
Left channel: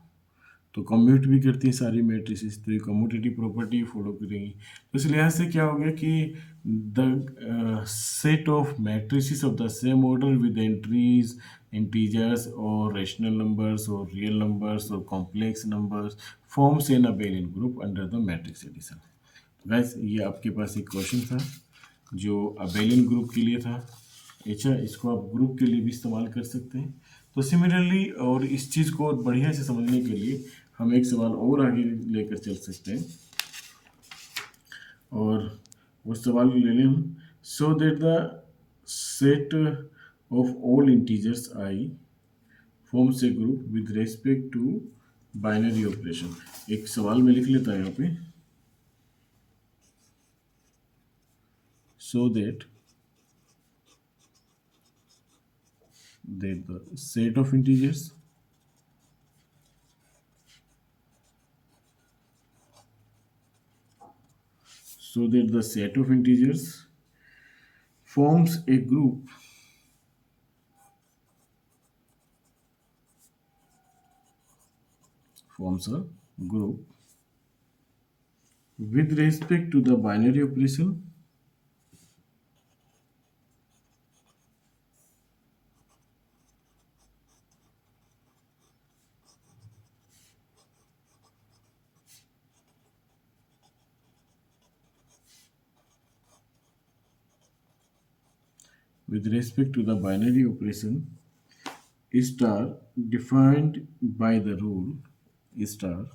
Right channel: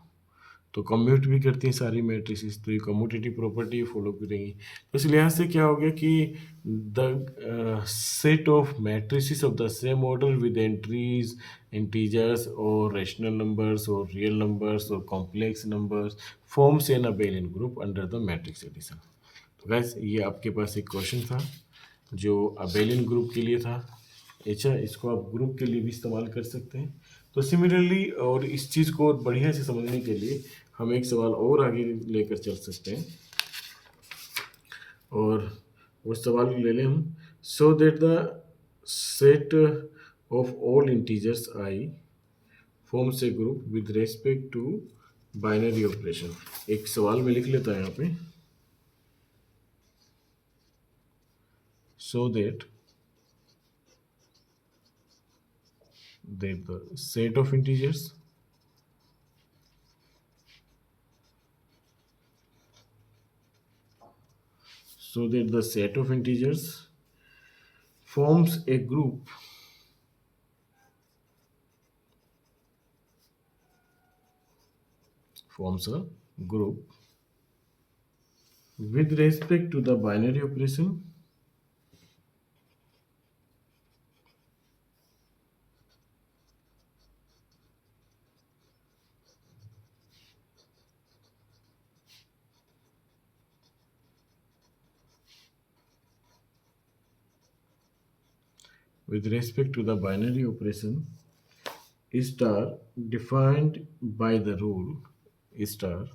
तो कम्यूट भी करती हैं सारी मैट्रिसेस, तो ये कम्यूटेटिव प्रॉपर्टी फॉलो करेंगी। तो इस लिहाज से क्या हो गया कि the set of matrices of the same order with entries integers और रैशनल नंबर्स और रियल नंबर्स और complex numbers forms an abelian group under the matrix addition. तो गैस ये आपके पास एक क्वेश्चन था जो अबेलियन ग्रुप के लिए था। अच्छा, इसको आप ग्रुप के लिए भी इस्तेमाल कर सकते हैं। तो सिमिलरली और इस चीज़ को और बढ़िया से समझने के लिए हम एक सवाल और आगे लेकर चल सकते हैं, और उस सवाल को ले लें हम। So that the set of all integers I forms a group with respect to binary operation. एक सवाल में लिख लेता है यहाँ पे, so that the set of integers forms a group with respect to the binary operation star defined by the rule star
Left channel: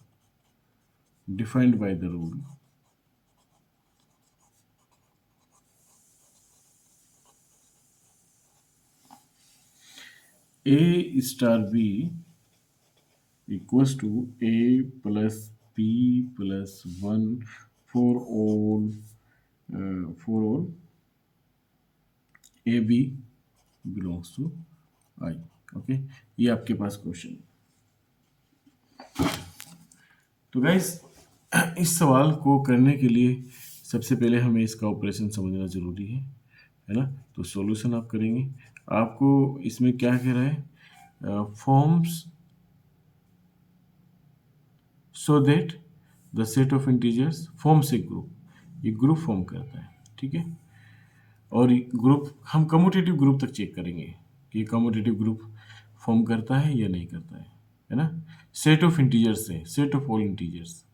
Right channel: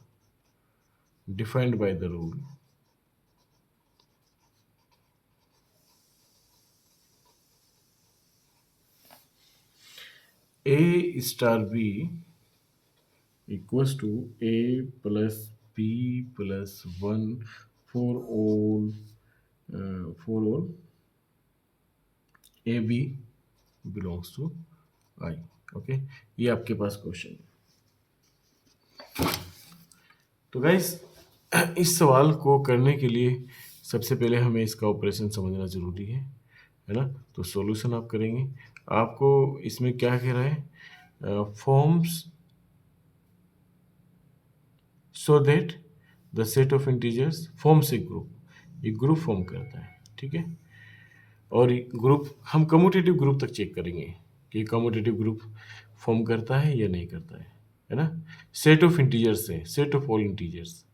defined by the rule A star B equals to A plus B plus 1 for all A B belongs to I। Okay, ये आपके पास question. तो guys इस सवाल को करने के लिए सबसे पहले हमें इसका ऑपरेशन समझना ज़रूरी है ना। तो सॉल्यूशन आप करेंगे, आपको इसमें क्या कह रहा है, forms so that the set of integers forms a group, ये ग्रुप फॉर्म करता है, ठीक है। और ग्रुप हम कम्यूटेटिव ग्रुप तक चेक करेंगे कि कम्यूटेटिव ग्रुप फॉर्म करता है या नहीं करता है ना। सेट ऑफ इंटीजर्स है, set of all integers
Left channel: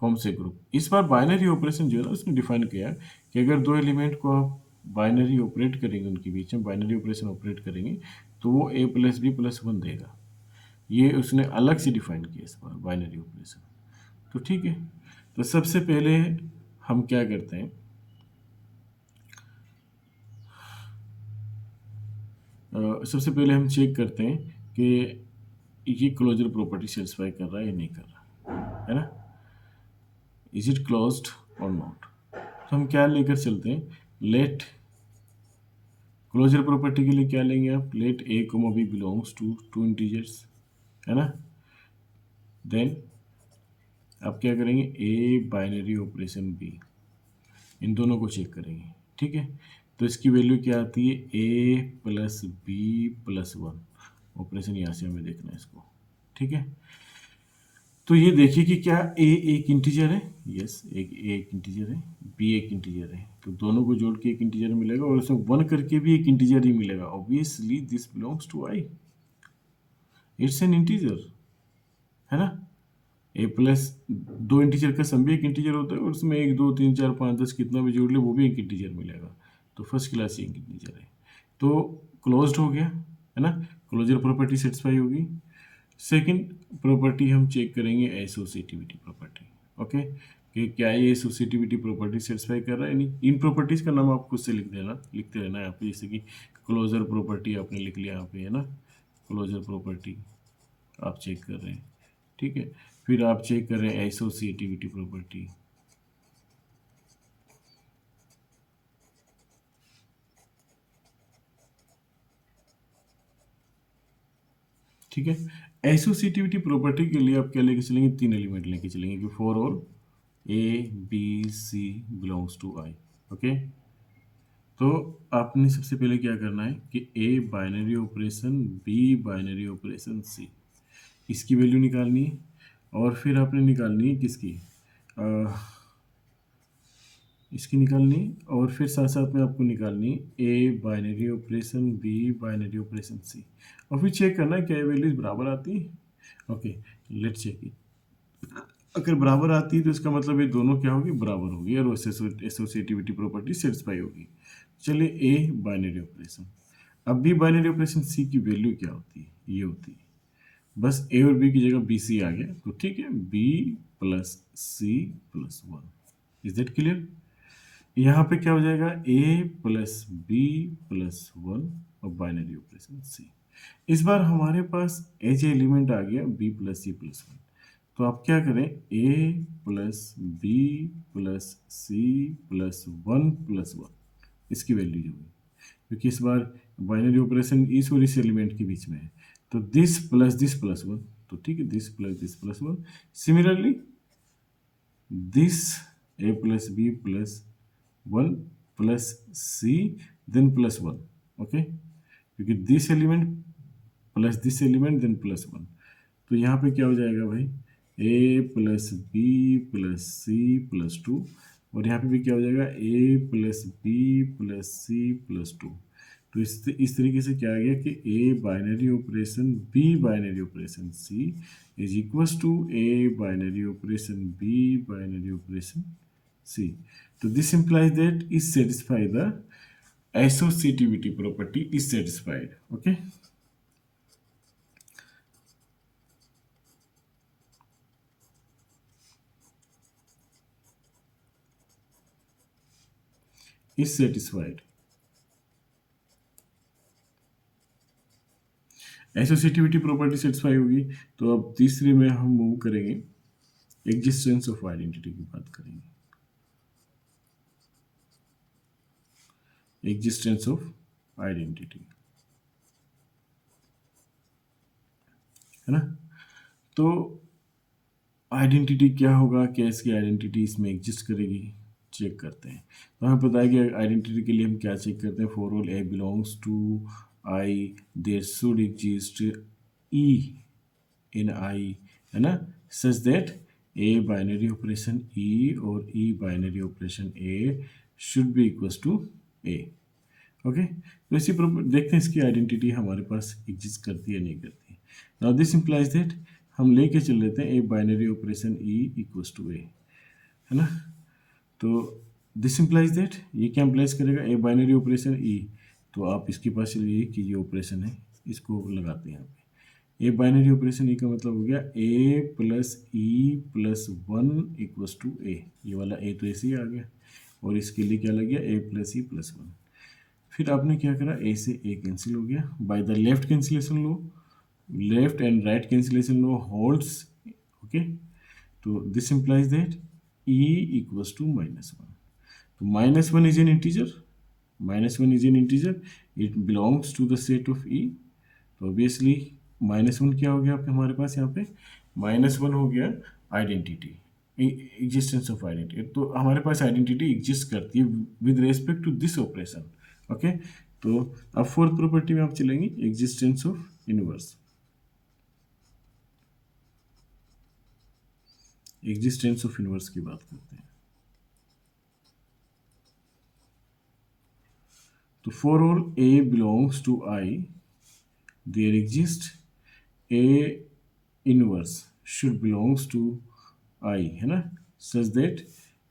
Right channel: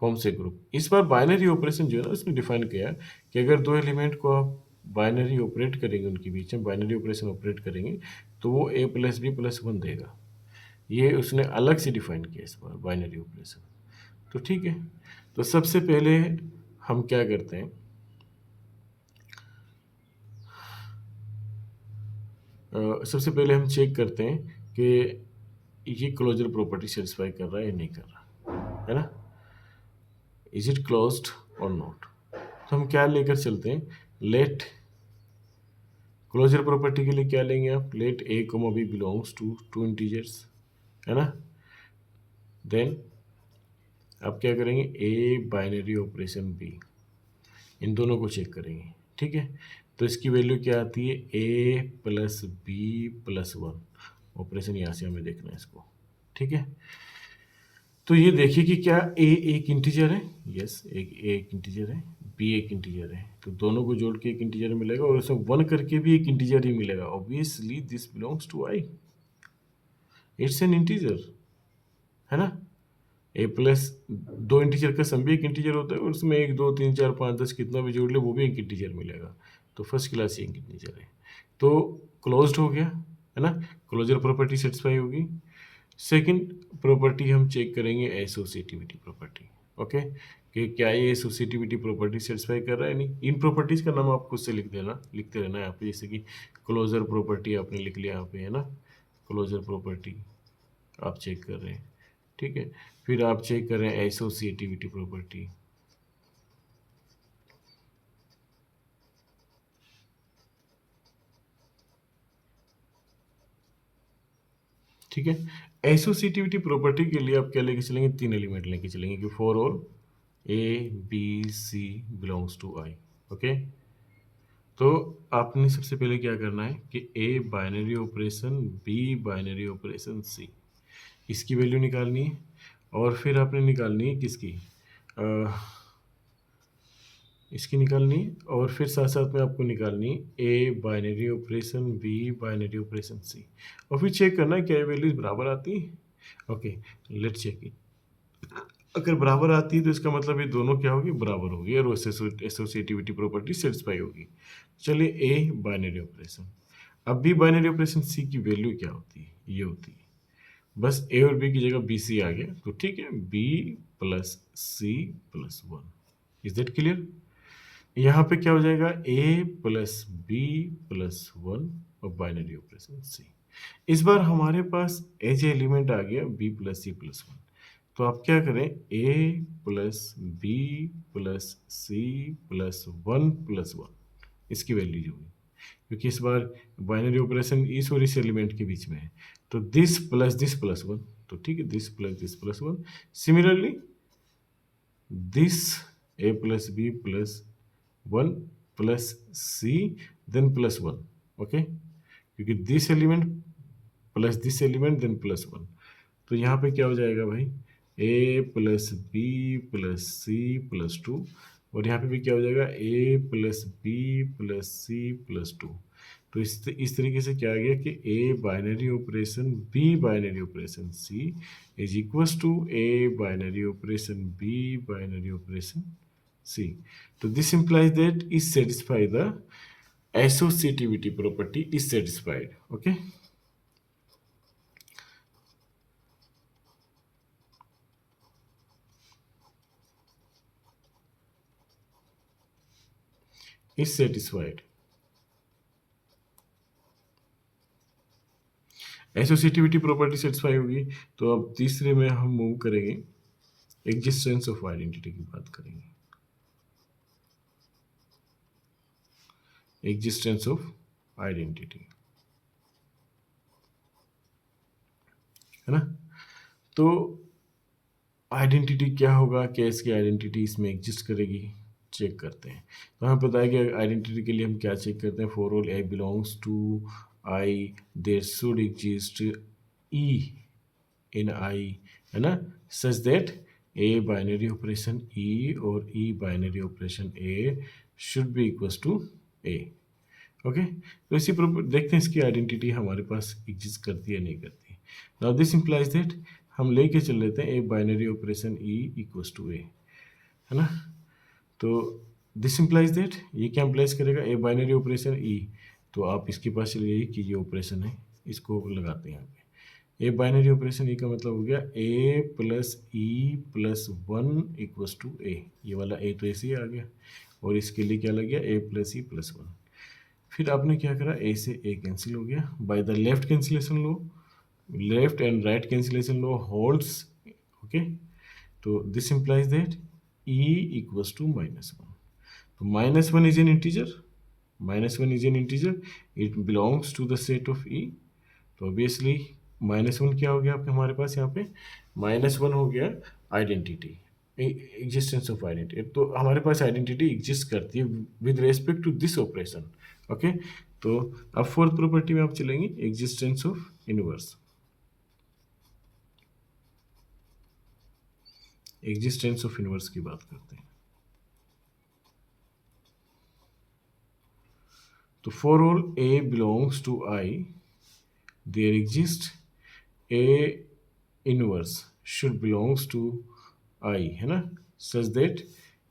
forms a group. इस बार बाइनरी ऑपरेशन जो है ना उसने डिफाइन किया कि अगर दो एलिमेंट को आप बाइनरी ऑपरेट करेंगे, उनके बीच में बाइनरी ऑपरेशन ऑपरेट करेंगे तो वो a प्लस बी प्लस 1 देगा। ये उसने अलग से डिफाइन किया इस बार बाइनरी ऑपरेशन। तो ठीक है, तो सबसे पहले हम क्या करते हैं, सबसे पहले हम चेक करते हैं कि ये क्लोजर प्रॉपर्टी सेटिस्फाई कर रहा है या नहीं कर रहा है ना। इज इट क्लोज्ड और नॉट। तो हम क्या लेकर चलते हैं, लेट क्लोजर प्रॉपर्टी के लिए क्या लेंगे आप, let a comma b belongs to to integers, है ना। देन आप क्या करेंगे, ए बाइनरी ऑपरेशन बी, इन दोनों को चेक करेंगे, ठीक है। तो इसकी वैल्यू क्या आती है, ए प्लस बी प्लस 1। ऑपरेशन यहाँ से हमें देखना है इसको, ठीक है। तो ये देखिए कि क्या ए एक इंटीजर है, यस एक ए एक इंटीजर है, बी एक इंटीजर है, तो दोनों को जोड़ के एक इंटीजर मिलेगा और उसमें 1 करके भी एक इंटीजर ही मिलेगा। Obviously this belongs to I, it's an integer, है ना। ए प्लस दो इंटीजर का सम भी एक इंटीजर होता है और उसमें 1 2 3 4 5 10 कितना भी जोड़ ले वो भी एक इंटीजर मिलेगा। तो फर्स्ट क्लास एक इंटीजर है, तो क्लोज्ड हो गया, है ना। क्लोजर प्रॉपर्टी सेटिस्फाई होगी। सेकंड प्रॉपर्टी हम चेक करेंगे एसोसिएटिविटी प्रॉपर्टी, ओके, कि क्या ये एसोसिएटिविटी प्रॉपर्टी सेटिस्फाई कर रहा है नहीं। इन प्रॉपर्टीज़ का नाम आप खुद से लिख देना, लिखते रहना यहाँ पे, जैसे कि क्लोजर प्रॉपर्टी आपने लिख लिया यहाँ पे, है ना। क्लोजर प्रॉपर्टी आप चेक कर रहे हैं, ठीक है। फिर आप चेक कर रहे हैं एसोसिएटिविटी प्रॉपर्टी, ठीक है। एसोसिएटिविटी प्रॉपर्टी के लिए आप क्या लेके चलेंगे, 3 एलिमेंट लेके चलेंगे कि for all A B C belongs to I, okay. तो आपने सबसे पहले क्या करना है कि A binary operation B binary operation C, इसकी वैल्यू निकालनी है। और फिर आपने निकालनी है किसकी, इसकी निकालनी है, और फिर साथ साथ में आपको निकालनी है A binary operation, B binary operation, C, और फिर चेक करना है क्या ये वैल्यूज बराबर आती है। Okay, let's check it. अगर बराबर आती है तो इसका मतलब ये दोनों क्या होगी, बराबर होगी, और एसोसिएटिविटी प्रॉपर्टी सेटिस्फाई होगी। चलिए ए बाइनरी ऑपरेशन, अब बी बाइनरी ऑपरेशन, सी की वैल्यू क्या होती है, ये होती है, बस ए और बी की जगह बी सी आ गया तो ठीक है, B plus C plus one. Is that clear? यहाँ पे क्या हो जाएगा, A plus B plus one और बाइनरी ऑपरेशन सी। इस बार हमारे पास एज एलिमेंट आ गया B plus C plus one, तो आप क्या करें, A plus B plus C plus one, इसकी वैल्यू जो है, क्योंकि इस बार बाइनरी ऑपरेशन इस और इस एलिमेंट के बीच में है, तो दिस प्लस वन, तो ठीक है, this plus one. Similarly this A plus B plus one plus C then plus one, okay, क्योंकि this element then plus one, तो यहाँ पे क्या हो जाएगा भाई, A plus B plus C plus two, और यहाँ पे भी क्या हो जाएगा, A plus B plus C plus two. तो इस तरीके से क्या आ गया कि A binary operation B binary operation C is equals to A binary operation B binary operation C. तो this implies that is satisfy the associativity property is satisfied, okay. Is satisfied, associativity property satisfy होगी। तो अब तीसरे में हम move करेंगे, existence of identity की बात करेंगे, एग्जिस्टेंस ऑफ आइडेंटिटी, है ना। तो आइडेंटिटी क्या होगा, क्या इसकी आइडेंटिटी इसमें एग्जिस्ट करेगी, चेक करते हैं। तो हमें पता है कि आइडेंटिटी के लिए हम क्या चेक करते हैं, for all A belongs to I there should exist E in I, है ना, such that A binary operation E और E binary operation A should be equals to A, okay. तो इसी पर देखते हैं इसकी आइडेंटिटी हमारे पास एग्जिस्ट करती है नहीं करती। नाउ दिस इंप्लाइज दैट हम लेके चल लेते हैं A binary operation E equals to A, है ना। तो दिस इंप्लाइज दैट ये क्या इंप्लाइज करेगा, ए बाइनरी ऑपरेशन ई, तो आप इसके पास चलिए कि ये ऑपरेशन है, इसको लगाते हैं यहाँ पे। ए बाइनरी ऑपरेशन ई का मतलब हो गया A plus E plus one equals to A, ये वाला ए तो ऐसे ही आ गया, और इसके लिए क्या लग गया, A plus E plus one. फिर आपने क्या करा, ए से ए कैंसिल हो गया by the left cancellation law, left and right cancellation law holds, okay. तो this implies that E equals to minus one, तो minus one is an integer, minus one is an integer, it belongs to the set of E. तो obviously minus one क्या हो गया आपके हमारे पास यहाँ पे, माइनस वन हो गया आइडेंटिटी, एग्जिस्टेंस ऑफ आइडेंटिटी। तो हमारे पास आइडेंटिटी एग्जिस्ट करती है with respect to this operation, okay. तो अब फोर्थ प्रॉपर्टी में आप चलेंगे, existence of inverse, existence of inverse की बात करते हैं। तो for all A belongs to I there exist A inverse should belongs to I, है ना, such that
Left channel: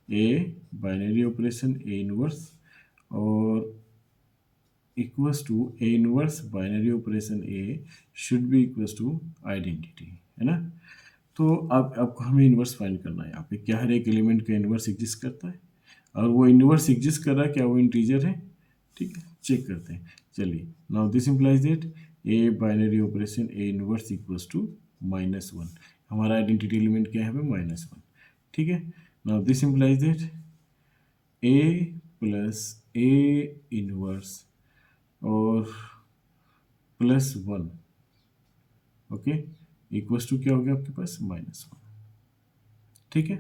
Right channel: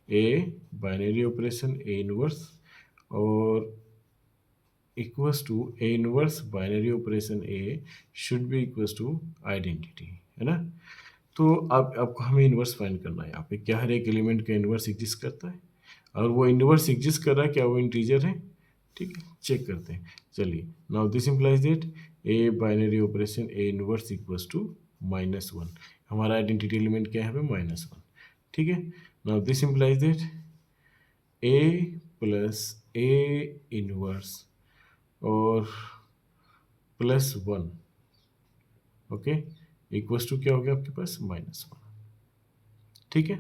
A binary operation A inverse और equals to A inverse binary operation A should be equals to identity, है ना। तो अब आपको हमें inverse find करना है, यहाँ पे क्या हर एक एलिमेंट का इन्वर्स एग्जिस्ट करता है, और वो इन्वर्स एग्जिस्ट कर रहा है, क्या वो इंटीजर है, ठीक है, चेक करते हैं। चलिए, now this implies that A binary operation A inverse equals to minus one, हमारा आइडेंटिटी एलिमेंट क्या है यहाँ पे, माइनस वन, ठीक है। Now this implies that A plus A inverse और plus one, okay, equals to क्या हो गया आपके पास, माइनस वन, ठीक है।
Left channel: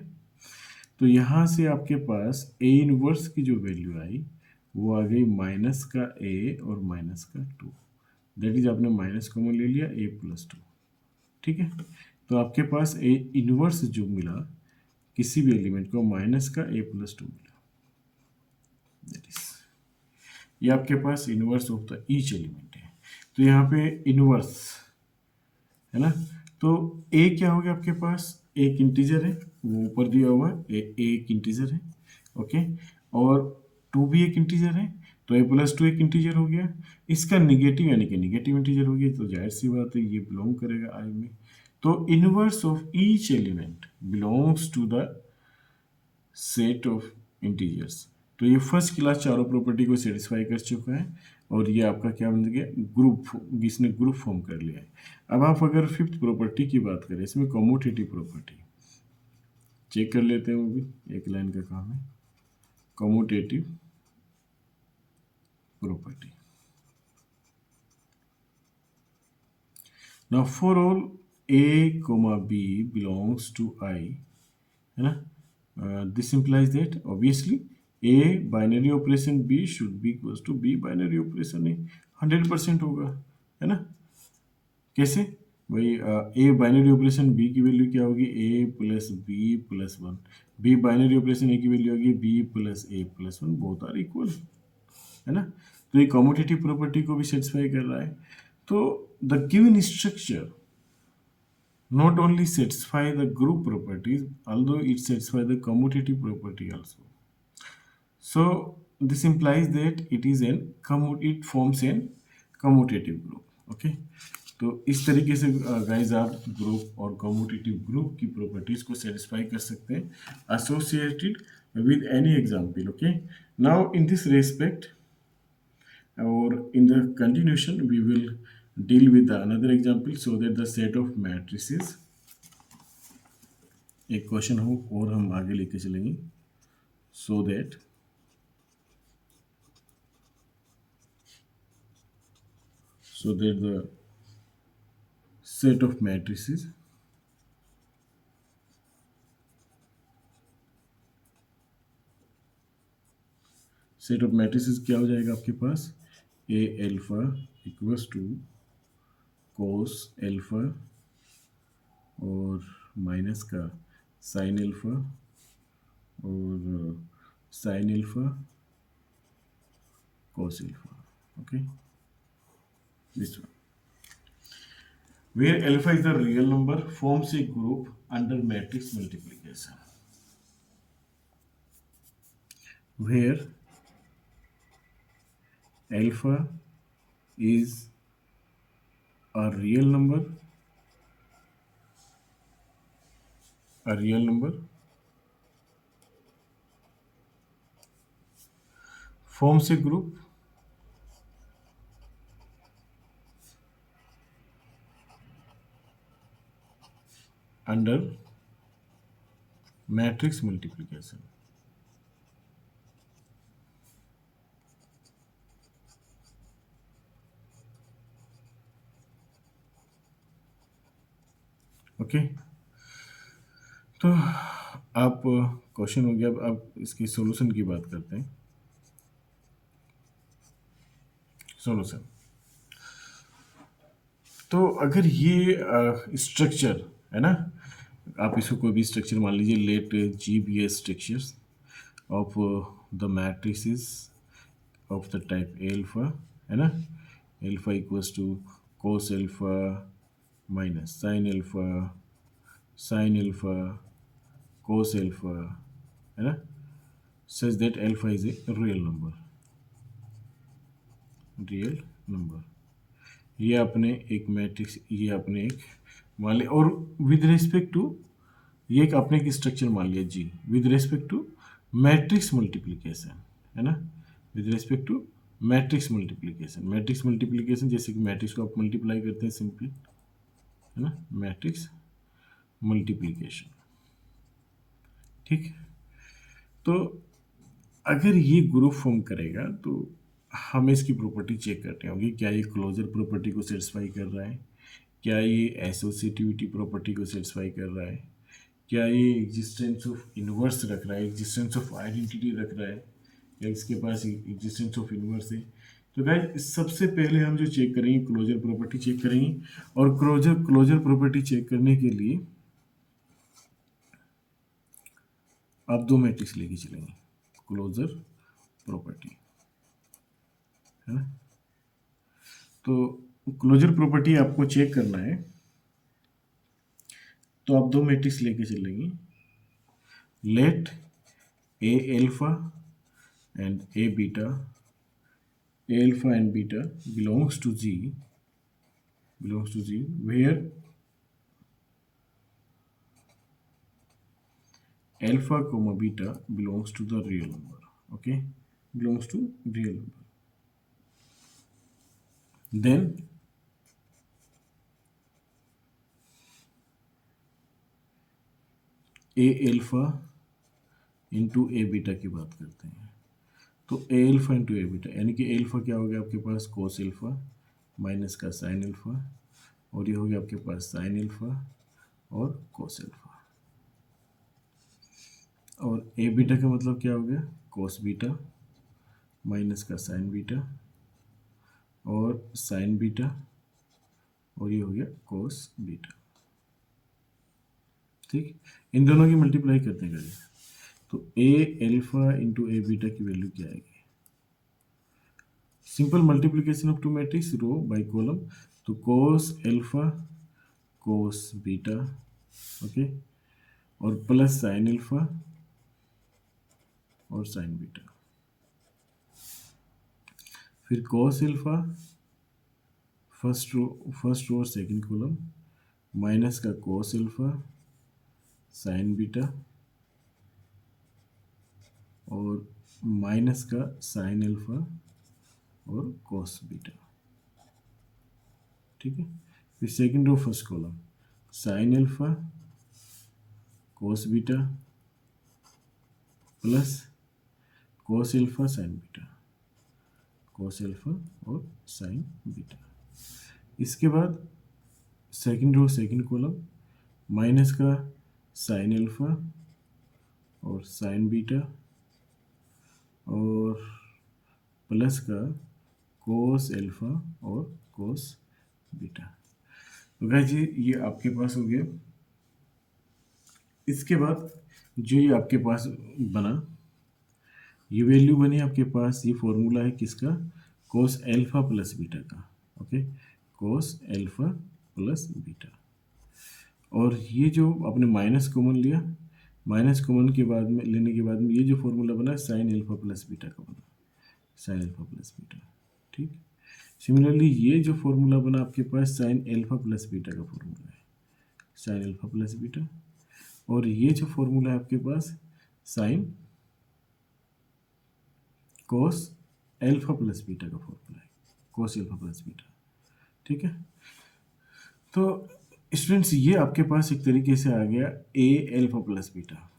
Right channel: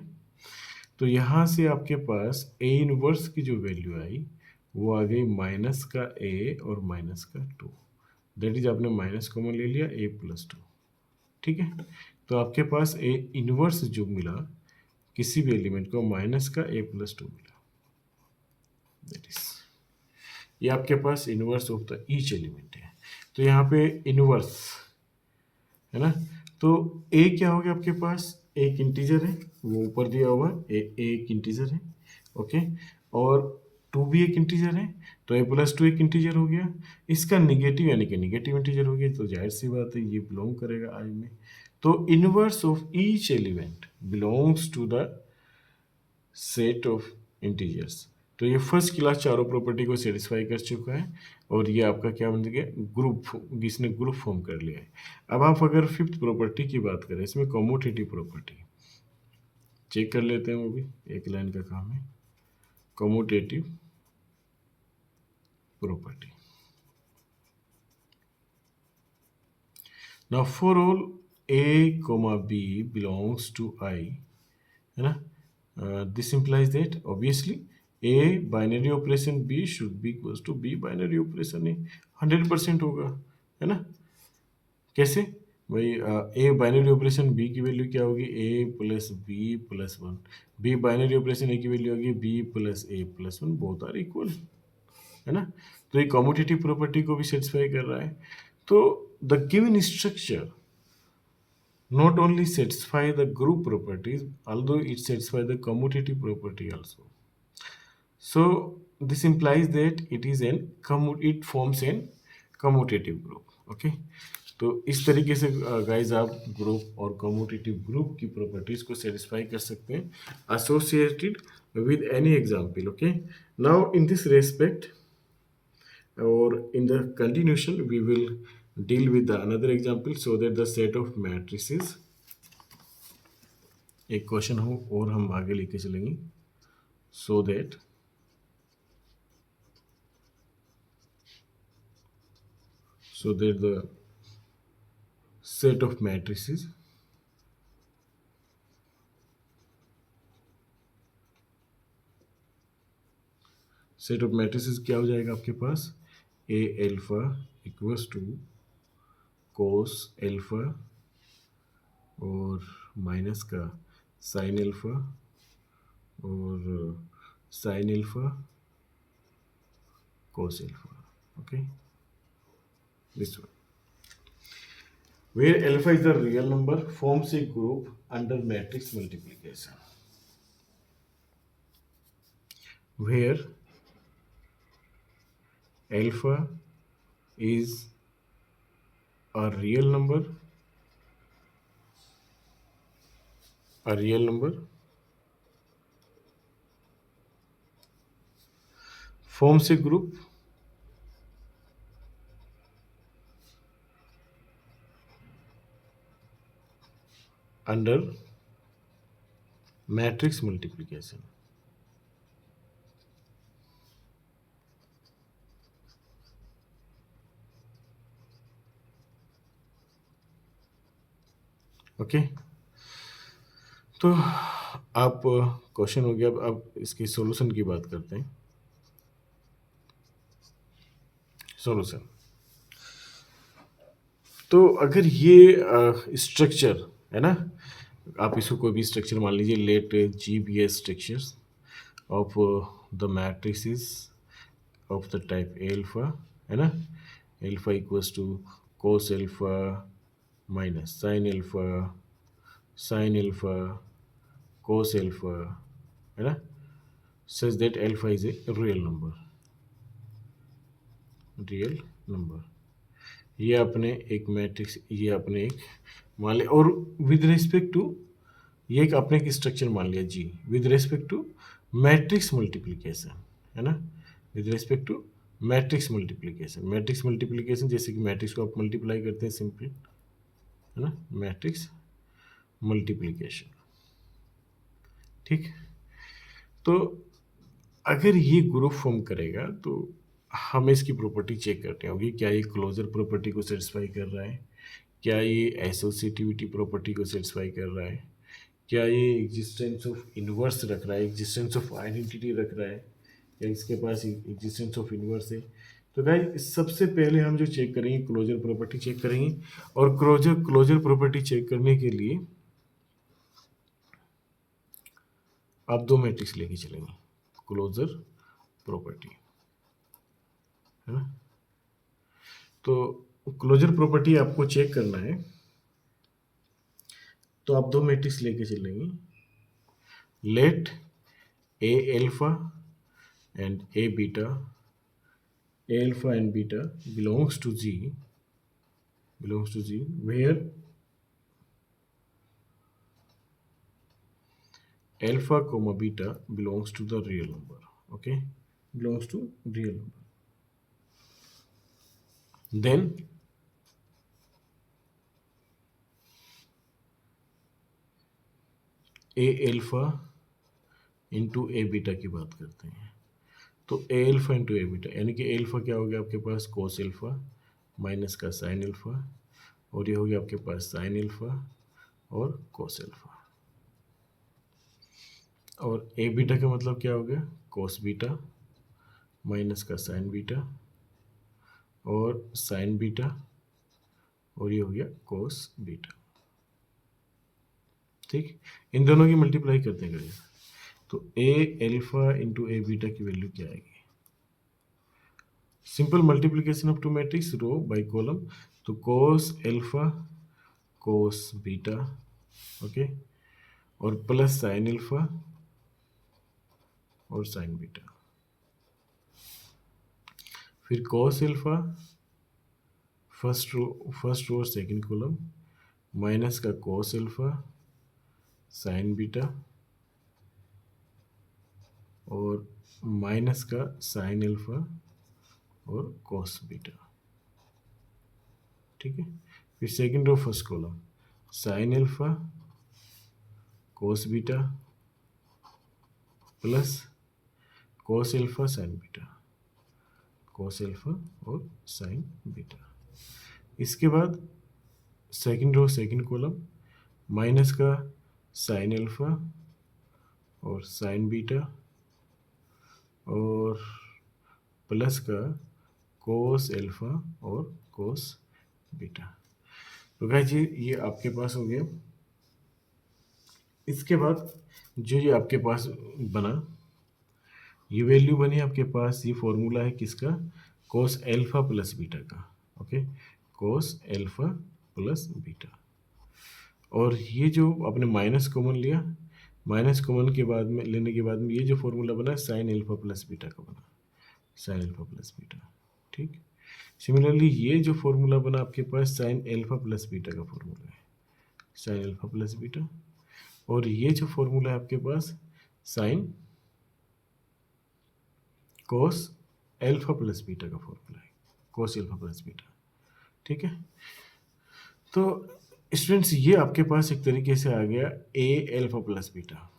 तो यहाँ से आपके पास ए इनवर्स की जो वैल्यू आई वो आ गई माइनस का ए और माइनस का टू, दैट इज आपने माइनस कॉमन ले लिया, ए प्लस टू, ठीक है। तो आपके पास ए इनवर्स जो मिला किसी भी एलिमेंट को माइनस का a+2 मिला, दैट इज ये आपके पास inverse of the each element है। तो यहाँ पे इनवर्स है ना, तो ए क्या हो गया आपके पास, एक इंटीजर है वो ऊपर दिया हुआ है, ए एक इंटीजर है, ओके, और 2 भी एक इंटीजर है, तो a+2 एक इंटीजर हो गया, इसका निगेटिव यानी कि निगेटिव इंटीजर हो गया, तो जाहिर सी बात है ये बिलोंग करेगा आई में। तो inverse of each element belongs to the set of integers. तो ये फर्स्ट क्लास चारों प्रॉपर्टी को सेटिस्फाई कर चुका है और ये आपका क्या बन गया, ग्रुप, इसने ग्रुप फॉर्म कर लिया है। अब आप अगर फिफ्थ प्रॉपर्टी की बात करें, इसमें कम्यूटेटिव प्रॉपर्टी चेक कर लेते हैं, वो भी एक लाइन का काम है, commutative property. Now for all a, b belongs to I, है ना, this implies that obviously a binary operation b should be equals to b binary operation a, 100% होगा, है ना। कैसे भाई, ए बाइनरी ऑपरेशन बी की वैल्यू क्या होगी, a+b+1, बी बाइनरी ऑपरेशन ए की वैल्यू होगी b+a+1, बोथ आर इक्वल, है ना। तो ये कम्यूटेटिव प्रॉपर्टी को भी सेटिस्फाई कर रहा है। तो the given structure not only satisfy the group properties, although it satisfies the commutative property also. So this implies that it forms an commutative group. Okay, तो इस तरीके से गाइज आप ग्रुप और कम्यूटेटिव ग्रुप की प्रॉपर्टीज को satisfy कर सकते हैं associated with any example. Okay, now in this respect or in the continuation we will deal with the another example so that the set of matrices, एक question हो और हम आगे लेके चलेंगे so that the set of matrices क्या हो जाएगा आपके पास, a alpha equals to cos alpha और माइनस का sin alpha और sin alpha cos alpha, okay, this one where alpha is the real number forms a group under matrix multiplication, where alpha is a real number forms a group under matrix multiplication. Okay, तो आप question हो गया, अब इसकी solution की बात करते हैं। सॉल्यूशन, तो अगर ये स्ट्रक्चर है ना, आप इसको कोई भी स्ट्रक्चर मान लीजिए, let G be a structures of the matrices of the type alpha, है ना, alpha equals to cos alpha minus sine alpha cos alpha, है ना, such that alpha is a real number, ये अपने एक मैट्रिक्स, ये अपने एक मान लिया, और विद रेस्पेक्ट टू ये एक अपने एक स्ट्रक्चर मान लिया G, with respect to matrix multiplication, है ना, with respect to matrix multiplication, जैसे कि मैट्रिक्स को आप मल्टीप्लाई करते हैं सिंपली, है ना, मैट्रिक्स मल्टीप्लिकेशन, ठीक। तो अगर ये ग्रुप फॉर्म करेगा तो हमें इसकी प्रॉपर्टी चेक करनी होगी, क्या ये क्लोजर प्रॉपर्टी को सेटिस्फाई कर रहा है, क्या ये एसोसिएटिविटी प्रॉपर्टी को सेटिस्फाई कर रहा है, क्या ये एग्जिस्टेंस ऑफ इन्वर्स रख रहा है, एग्जिस्टेंस ऑफ आइडेंटिटी रख रहा है, या इसके पास एग्जिस्टेंस ऑफ इन्वर्स है। तो गाइस सबसे पहले हम जो चेक करेंगे क्लोजर प्रॉपर्टी चेक करेंगे, और क्लोजर प्रॉपर्टी चेक करने के लिए आप दो मैट्रिक्स लेके चलेंगे, क्लोजर प्रॉपर्टी है ना। तो क्लोजर प्रॉपर्टी आपको चेक करना है, तो आप दो मैट्रिक्स लेके चलेंगे, let a alpha and a beta, a alpha and beta belongs to G, where alpha comma beta belongs to the real number. Okay, belongs to real number. Then a alpha into A beta की बात करते हैं, तो A alpha into A beta, यानी कि alpha क्या हो गया आपके पास कोस एल्फा माइनस का साइन एल्फा, और ये हो गया आपके पास साइन एल्फा और कोस एल्फा, और ए बीटा का मतलब क्या हो गया कोस बीटा माइनस का साइन बीटा और साइन बीटा, और ये हो गया कोस बीटा। ठीक, इन दोनों की मल्टीप्लाई करते हैं, तो A alpha into A beta की वैल्यू क्या आएगी, simple multiplication of two matrix row by column, तो cos alpha cos beta, okay, और प्लस साइन एल्फा और साइन बीटा, फिर कोस एल्फा फर्स्ट रो और सेकंड कॉलम माइनस का cos alpha sine beta और माइनस का साइन एल्फा और cos beta. ठीक है, फिर second row first column sine alpha cos beta plus cos alpha sine beta, cos alpha और sine beta. इसके बाद second row second column minus का साइन एल्फा और साइन बीटा और प्लस का कोस एल्फा और कोस बीटा। तो guys ये आपके पास हो गया। इसके बाद जो ये आपके पास बना, ये वैल्यू बनी आपके पास, ये फॉर्मूला है किसका, कोस एल्फा प्लस बीटा का, ओके, कोस एल्फा प्लस बीटा। और ये जो आपने माइनस कॉमन लिया, माइनस कॉमन के बाद में लेने के बाद में ये जो फॉर्मूला बना साइन एल्फा प्लस बीटा का बना, साइन एल्फा प्लस बीटा। ठीक, सिमिलरली ये जो फॉर्मूला बना आपके पास साइन एल्फा प्लस बीटा का फॉर्मूला है, साइन एल्फा प्लस बीटा, और ये जो फॉर्मूला है आपके पास sine cos alpha plus beta का फॉर्मूला है, कोस एल्फा प्लस बीटा। ठीक है, तो स्टूडेंट्स ये आपके पास एक तरीके से आ गया ए एल्फा प्लस बीटा,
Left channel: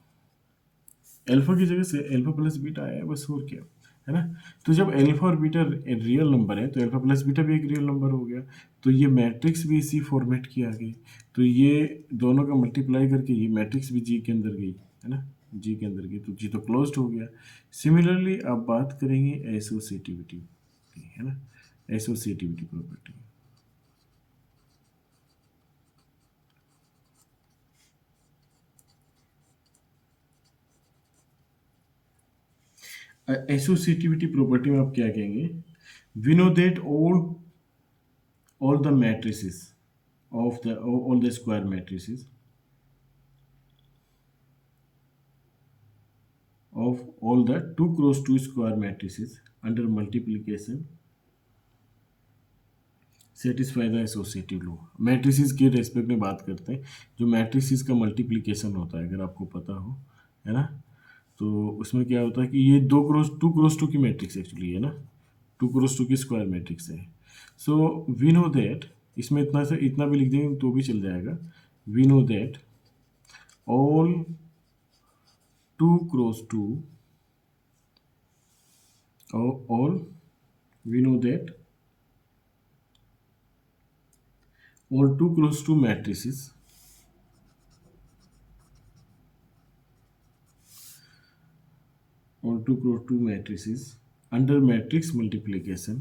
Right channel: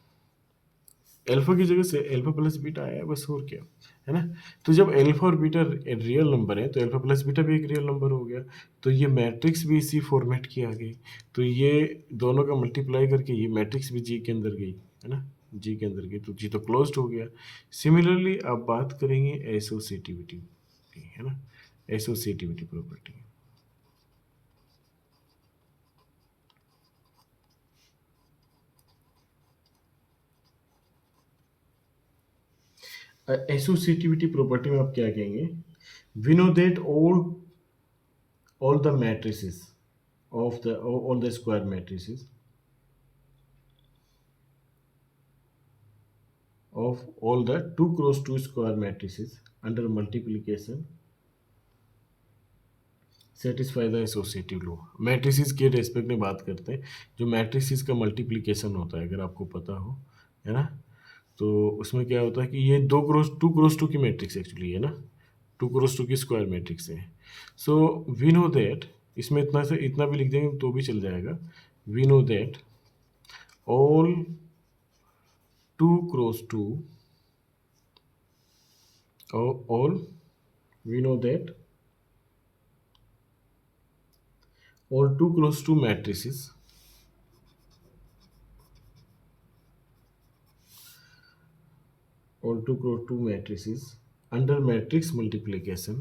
एल्फा की जगह से एल्फा प्लस बीटा आया बस, और क्या है ना। तो जब एल्फा और बीटा रियल नंबर है तो एल्फा प्लस बीटा भी एक रियल नंबर हो गया, तो ये मैट्रिक्स भी इसी फॉर्मेट की आ गई, तो ये दोनों का मल्टीप्लाई करके ये मैट्रिक्स भी जी के अंदर गई है ना, जी के अंदर गई, तो जी तो क्लोज्ड हो गया। सिमिलरली आप बात करेंगे एसोसिएटिविटी की, है ना, एसोसिएटिविटी प्रॉपर्टी। एसोसिएटिविटी प्रॉपर्टी में आप क्या कहेंगे, we know that all the matrices of the all the square matrices of all the 2 cross 2 square matrices under multiplication satisfy the associative law। Matrices के रेस्पेक्ट में बात करते हैं, जो मैट्रिसेस का मल्टीप्लिकेशन होता है अगर आपको पता हो, है ना, तो उसमें क्या होता है कि ये 2 क्रॉस 2 की मैट्रिक्स एक्चुअली है ना, 2 क्रॉस 2 की स्क्वायर मैट्रिक्स है। सो वी नो दैट, इसमें इतना से इतना भी लिख देंगे तो भी चल जाएगा, we know that all 2 cross 2 और we know that all 2 cross 2 matrices all 2 cross 2 matrices under matrix multiplication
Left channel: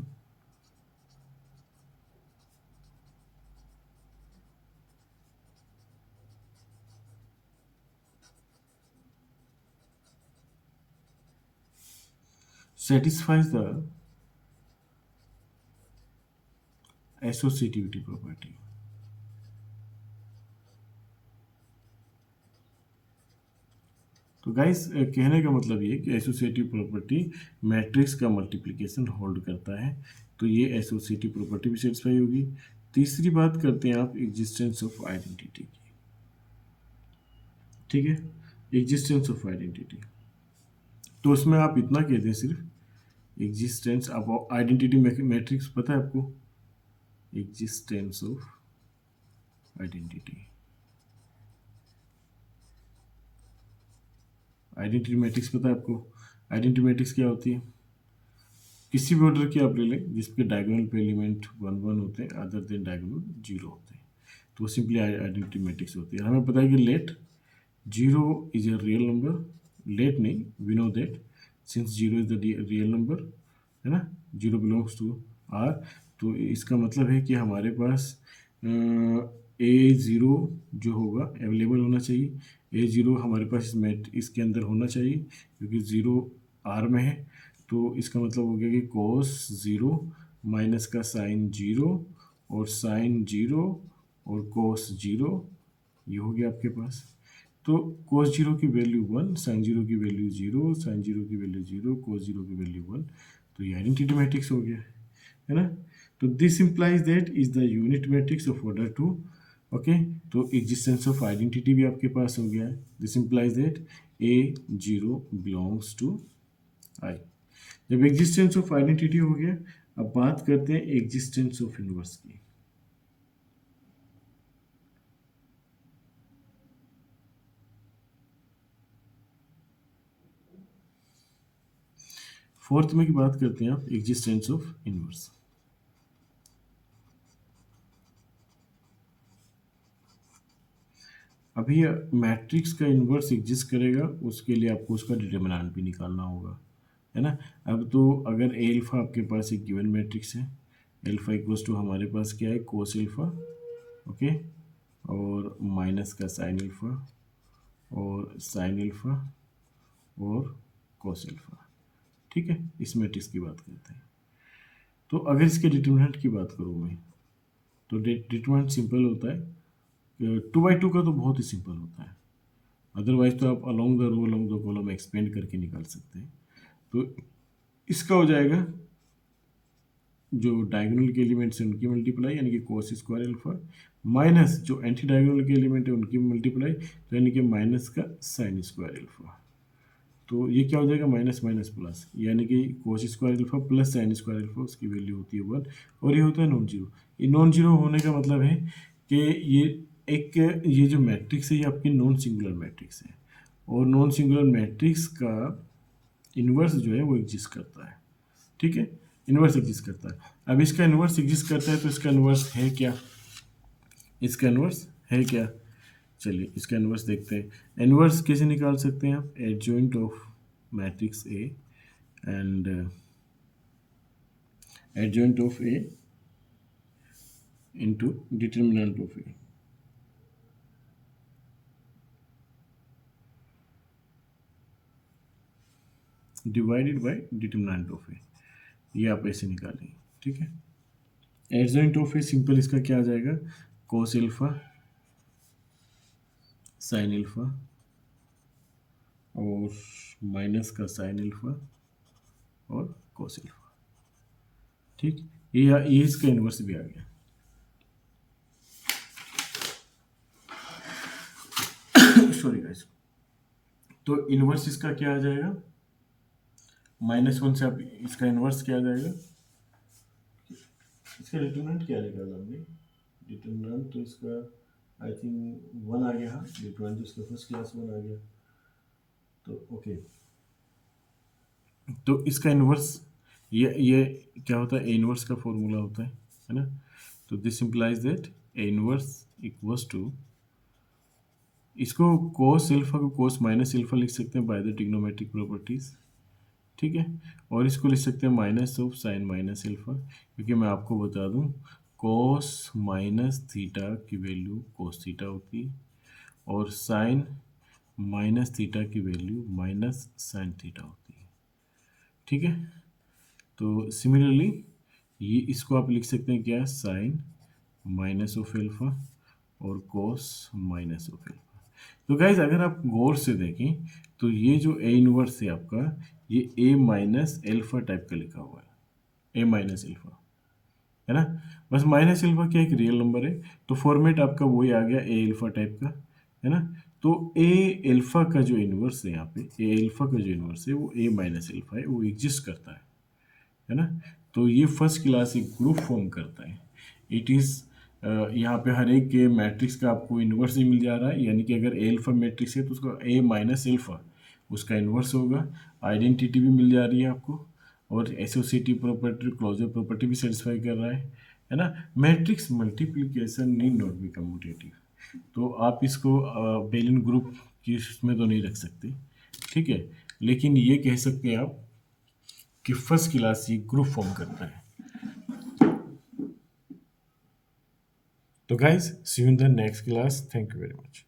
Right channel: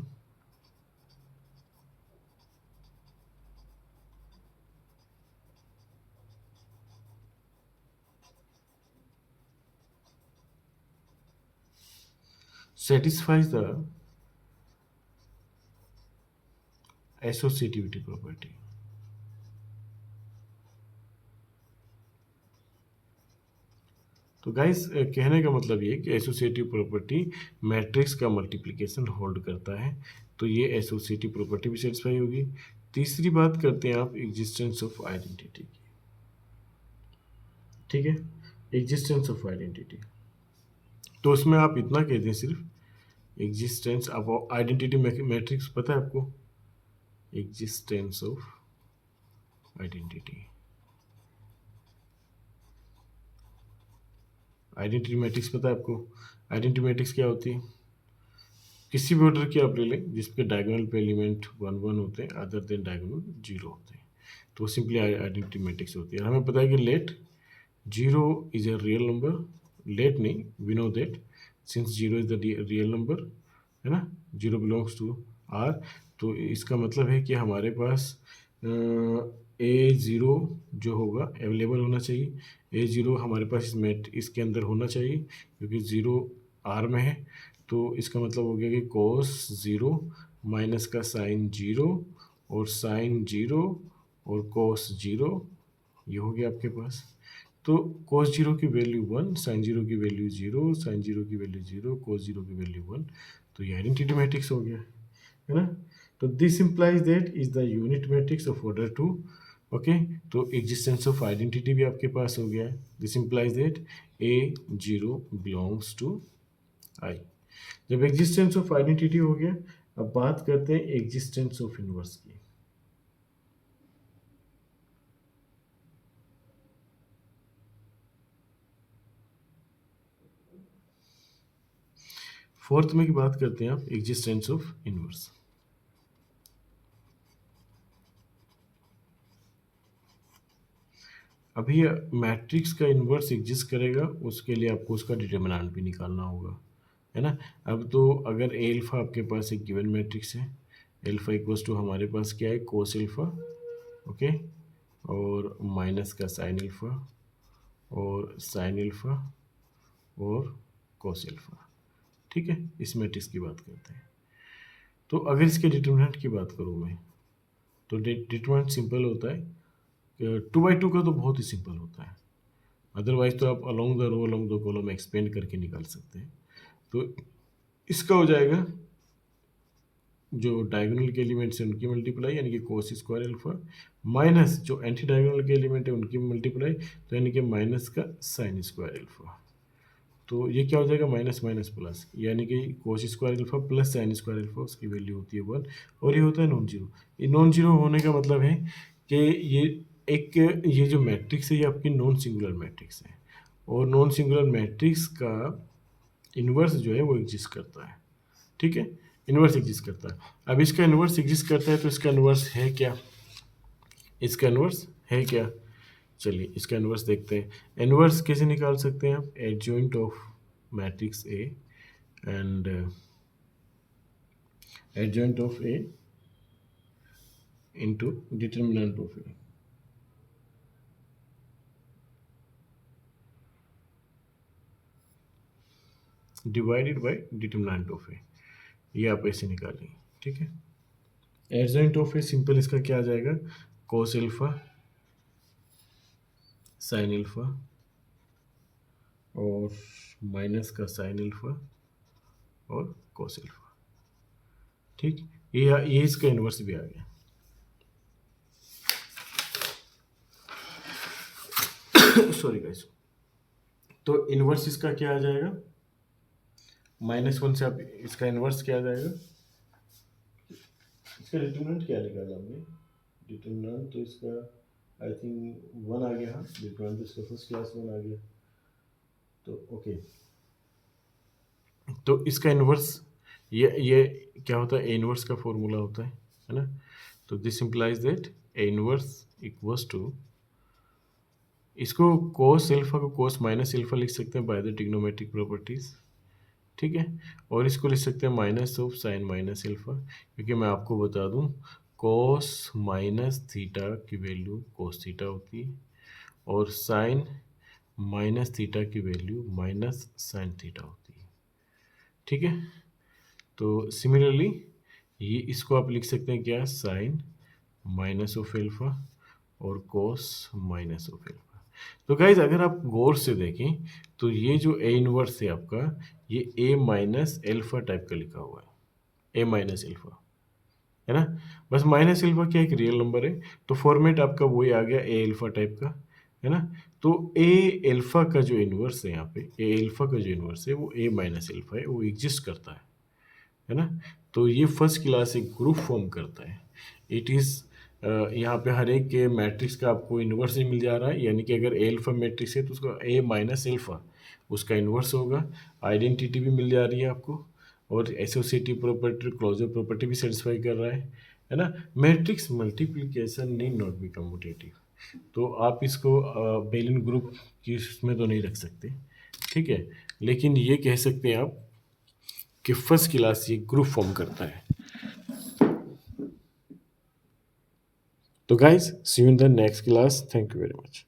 satisfies the associativity property. तो गाइस कहने का मतलब ये है कि एसोसिएटिव प्रॉपर्टी मैट्रिक्स का मल्टीप्लिकेशन होल्ड करता है, तो ये एसोसिएटिव प्रॉपर्टी भी सेटिस्फाई होगी। तीसरी बात करते हैं आप एग्जिस्टेंस ऑफ आइडेंटिटी की। ठीक है, एग्जिस्टेंस ऑफ आइडेंटिटी, तो उसमें आप इतना कहते हैं सिर्फ एग्जिस्टेंस ऑफ आइडेंटिटी मैट्रिक्स पता है आपको, existence of identity, identity matrix पता है आपको। आइडेंटिटी मैट्रिक्स क्या होती है, किसी भी ऑर्डर की आप ले लें जिसके डायगोनल पे एलिमेंट 1 1 होते हैं अदर देन डायगोनल 0 होते हैं, तो सिंपली आइडेंटिटी मैट्रिक्स होती है। हमें पता है कि let 0 is a real number, let नहीं, we know that since 0 is the real number, है ना, 0 बिलोंग्स टू आर, तो इसका मतलब है कि हमारे पास A0 जो होगा अवेलेबल होना चाहिए, A0 हमारे पास इस इसके अंदर होना चाहिए क्योंकि 0 आर में है, तो इसका मतलब हो गया कि cos 0 माइनस का साइन 0 और साइन 0 और cos 0, ये हो गया आपके पास। तो cos 0 की वैल्यू 1, साइन 0 की वैल्यू 0, साइन 0 की वैल्यू 0, cos 0 की वैल्यू 1, तो ये आइडेंटिटी मैट्रिक्स हो गया, है ना। तो this implies that is the unit matrix of order 2। Okay, तो एग्जिस्टेंस ऑफ आइडेंटिटी भी आपके पास हो गया है। This implies that A0 belongs to I. जब एग्जिस्टेंस ऑफ आइडेंटिटी हो गया, अब बात करते हैं एग्जिस्टेंस ऑफ इनवर्स की। फोर्थ में की बात करते हैं आप एग्जिस्टेंस ऑफ इनवर्स। अभी मैट्रिक्स का इन्वर्स एग्जिस्ट करेगा, उसके लिए आपको उसका डिटर्मिनेंट भी निकालना होगा, है ना। अब तो अगर एल्फा आपके पास एक गिवन मैट्रिक्स है, एल्फा इक्वल्स टू हमारे पास क्या है, कोस एल्फा, ओके, और माइनस का साइन एल्फा और साइन एल्फा और कोस एल्फा, ठीक है, इस मैट्रिक्स की बात करते हैं। तो अगर इसके डिटर्मिनेंट की बात करूँ मैं, तो डिटर्मिनेंट सिंपल होता है, 2/2 का तो बहुत ही सिंपल होता है, अदरवाइज तो आप along the row along the column expand करके निकाल सकते हैं। तो इसका हो जाएगा जो डायगोनल के एलिमेंट्स हैं उनकी मल्टीप्लाई यानी कि कोस स्क्वायर अल्फा, माइनस जो एंटी डायगोनल के एलिमेंट है उनकी मल्टीप्लाई, तो यानी कि माइनस का साइन स्क्वायर अल्फा। तो ये क्या हो जाएगा, माइनस माइनस प्लस, यानी कि cos square alpha plus sine square alpha, उसकी वैल्यू होती है 1, और ये होता है नॉन जीरो। ये नॉन जीरो होने का मतलब है कि ये जो मैट्रिक्स है ये आपकी नॉन सिंगुलर मैट्रिक्स है, और नॉन सिंगुलर मैट्रिक्स का इन्वर्स जो है वो एग्जिस्ट करता है, ठीक है, इन्वर्स एग्जिस्ट करता है। अब इसका इन्वर्स एग्जिस्ट करता है तो इसका इन्वर्स है क्या, इसका इन्वर्स है क्या, चलिए इसका इन्वर्स देखते हैं। इन्वर्स कैसे निकाल सकते हैं आप, adjoint of matrix A and adjoint of A into determinant of A, divided by determinant of A, ये आप ऐसे निकालेंगे, ठीक है। एडजॉइंट ऑफ ए सिंपल इसका क्या आ जाएगा, कोस एल्फा साइन एल्फा और माइनस का साइन एल्फा और कोस एल्फा, ठीक, ये इसका इन्वर्स भी आ गया। सॉरी गाइस, तो इन्वर्स इसका क्या आ जाएगा, -1 से आप इसका इन्वर्स क्या आ जाएगा, इसका डिटरमिनेंट क्या निकाला हमने, डिटरमिनेंट तो इसका आई थिंक 1 आ गया, हाँ डिटरमिनेंट तो इसका फर्स्ट क्लास 1 आ गया, तो ओके। तो इसका इन्वर्स ये क्या होता है, ए इन्वर्स का फॉर्मूला होता है ना। तो this implies that A inverse equals to, इसको कोस एल्फा को कोस माइनस एल्फा लिख सकते हैं बाय द ट्रिग्नोमेट्रिक प्रॉपर्टीज, ठीक है, और इसको लिख सकते हैं minus of sine minus alpha, क्योंकि मैं आपको बता दूं कोस माइनस थीटा की वैल्यू कोस थीटा होती है और साइन माइनस थीटा की वैल्यू माइनस साइन थीटा होती है, ठीक है। तो सिमिलरली ये इसको आप लिख सकते हैं क्या, साइन माइनस ऑफ एल्फा और कोस माइनस ऑफ एल्फा। तो गाइज अगर आप गौर से देखें तो ये जो ए इनवर्स है आपका, ये ए माइनस एल्फा टाइप का लिखा हुआ है, ए माइनस एल्फा, है ना। बस माइनस एल्फा क्या एक रियल नंबर है, तो फॉर्मेट आपका वही आ गया ए एल्फा टाइप का, है ना। तो ए एल्फा का जो इन्वर्स है यहाँ पे, ए एल्फा का जो इन्वर्स है वो ए माइनस एल्फा है, वो एग्जिस्ट करता है ना। तो ये फर्स्ट क्लास एक ग्रुप फॉर्म करता है। इट इज़ यहाँ पे हर एक के मैट्रिक्स का आपको इन्वर्स ही मिल जा रहा है, यानी कि अगर ए एल्फा मैट्रिक्स है तो उसका ए माइनस एल्फा उसका इन्वर्स होगा। आइडेंटिटी भी मिल जा रही है आपको, और एसोसिएटिव प्रॉपर्टी, क्लोजर प्रॉपर्टी भी सेटिस्फाई कर रहा है ना। Matrix multiplication need not be commutative, तो आप इसको बेलियन ग्रुप की उसमें तो नहीं रख सकते, ठीक है। लेकिन ये कह सकते हैं आप कि फर्स्ट क्लास ये ग्रुप फॉर्म करता है। तो guys see you in the next class, thank you very much.